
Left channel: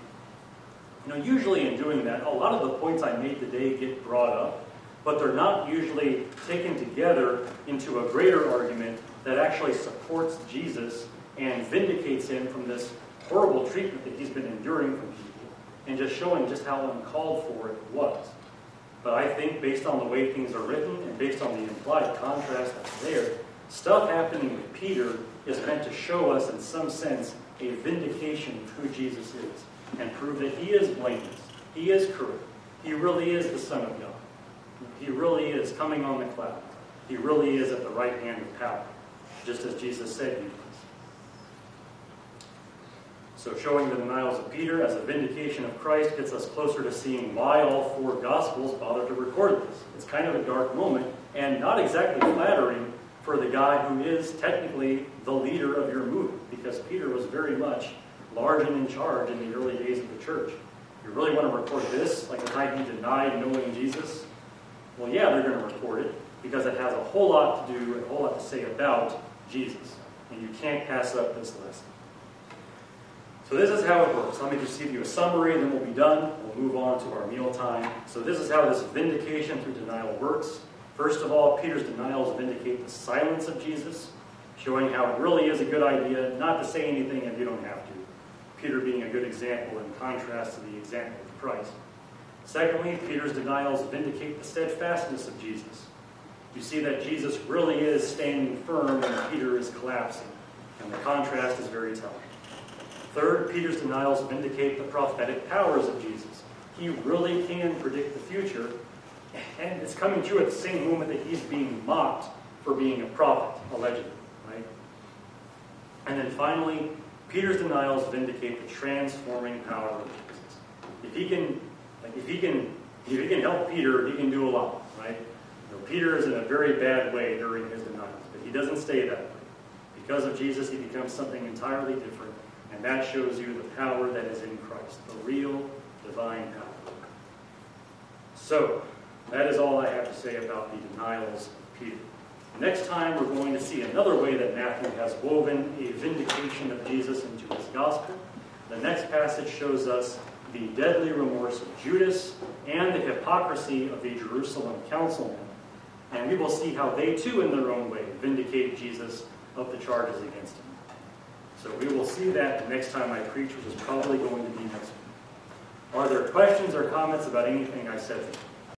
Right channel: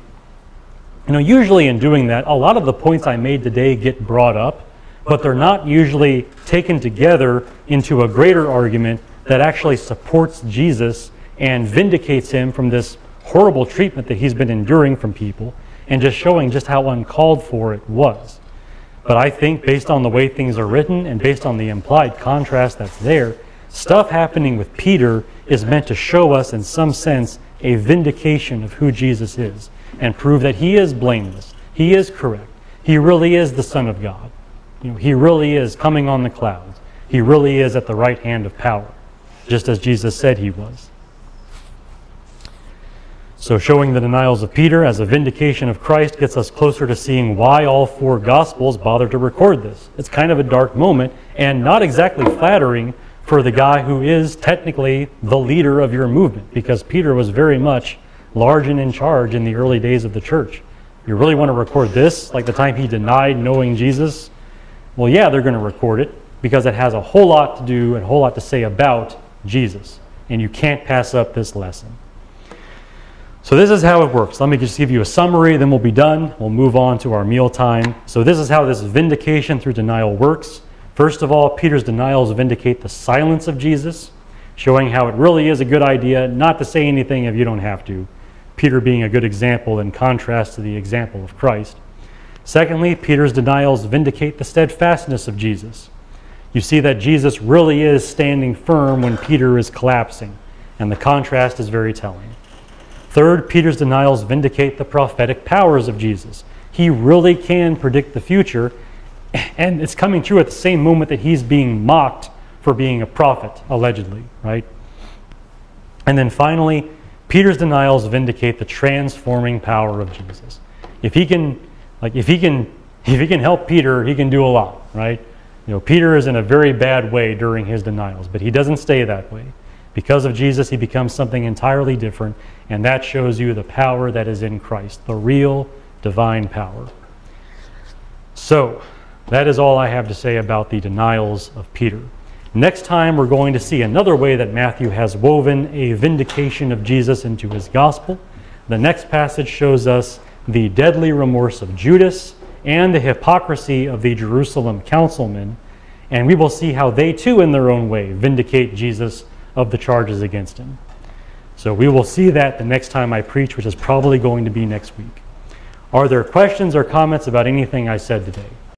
in doing that, a lot of the points I made today get brought up, but they're not usually taken together into a greater argument that actually supports Jesus and vindicates him from this horrible treatment that he's been enduring from people, and just showing just how uncalled for it was. But I think based on the way things are written and based on the implied contrast that's there, stuff happening with Peter is meant to show us in some sense a vindication of who Jesus is and prove that he is blameless, he is correct, he really is the Son of God. He really is coming on the clouds. He really is at the right hand of power, just as Jesus said he was. So showing the denials of Peter as a vindication of Christ gets us closer to seeing why all four Gospels bother to record this. It's kind of a dark moment and not exactly flattering for the guy who is technically the leader of your movement, because Peter was very much large and in charge in the early days of the church. You really want to record this, like the time he denied knowing Jesus? Well, yeah, they're going to record it because it has a whole lot to do and a whole lot to say about Jesus. And you can't pass up this lesson. So this is how it works. Let me just give you a summary, then we'll be done. We'll move on to our meal time. So this is how this vindication through denial works. First of all, Peter's denials vindicate the silence of Jesus, showing how it really is a good idea not to say anything if you don't have to. Peter being a good example in contrast to the example of Christ. Secondly, Peter's denials vindicate the steadfastness of Jesus. You see that Jesus really is standing firm when Peter is collapsing, and the contrast is very telling. Third, Peter's denials vindicate the prophetic powers of Jesus. He really can predict the future, and it's coming true at the same moment that he's being mocked for being a prophet, allegedly, right? And then finally, Peter's denials vindicate the transforming power of Jesus. If he can if he can help Peter, he can do a lot, right? You know, Peter is in a very bad way during his denials, but he doesn't stay that way. Because of Jesus, he becomes something entirely different, and that shows you the power that is in Christ, the real divine power. So, that is all I have to say about the denials of Peter. Next time, we're going to see another way that Matthew has woven a vindication of Jesus into his gospel. The next passage shows us the deadly remorse of Judas and the hypocrisy of the Jerusalem councilmen, and we will see how they too, in their own way, vindicate Jesus of the charges against him. So we will see that the next time I preach, which is probably going to be next week. Are there questions or comments about anything I said today?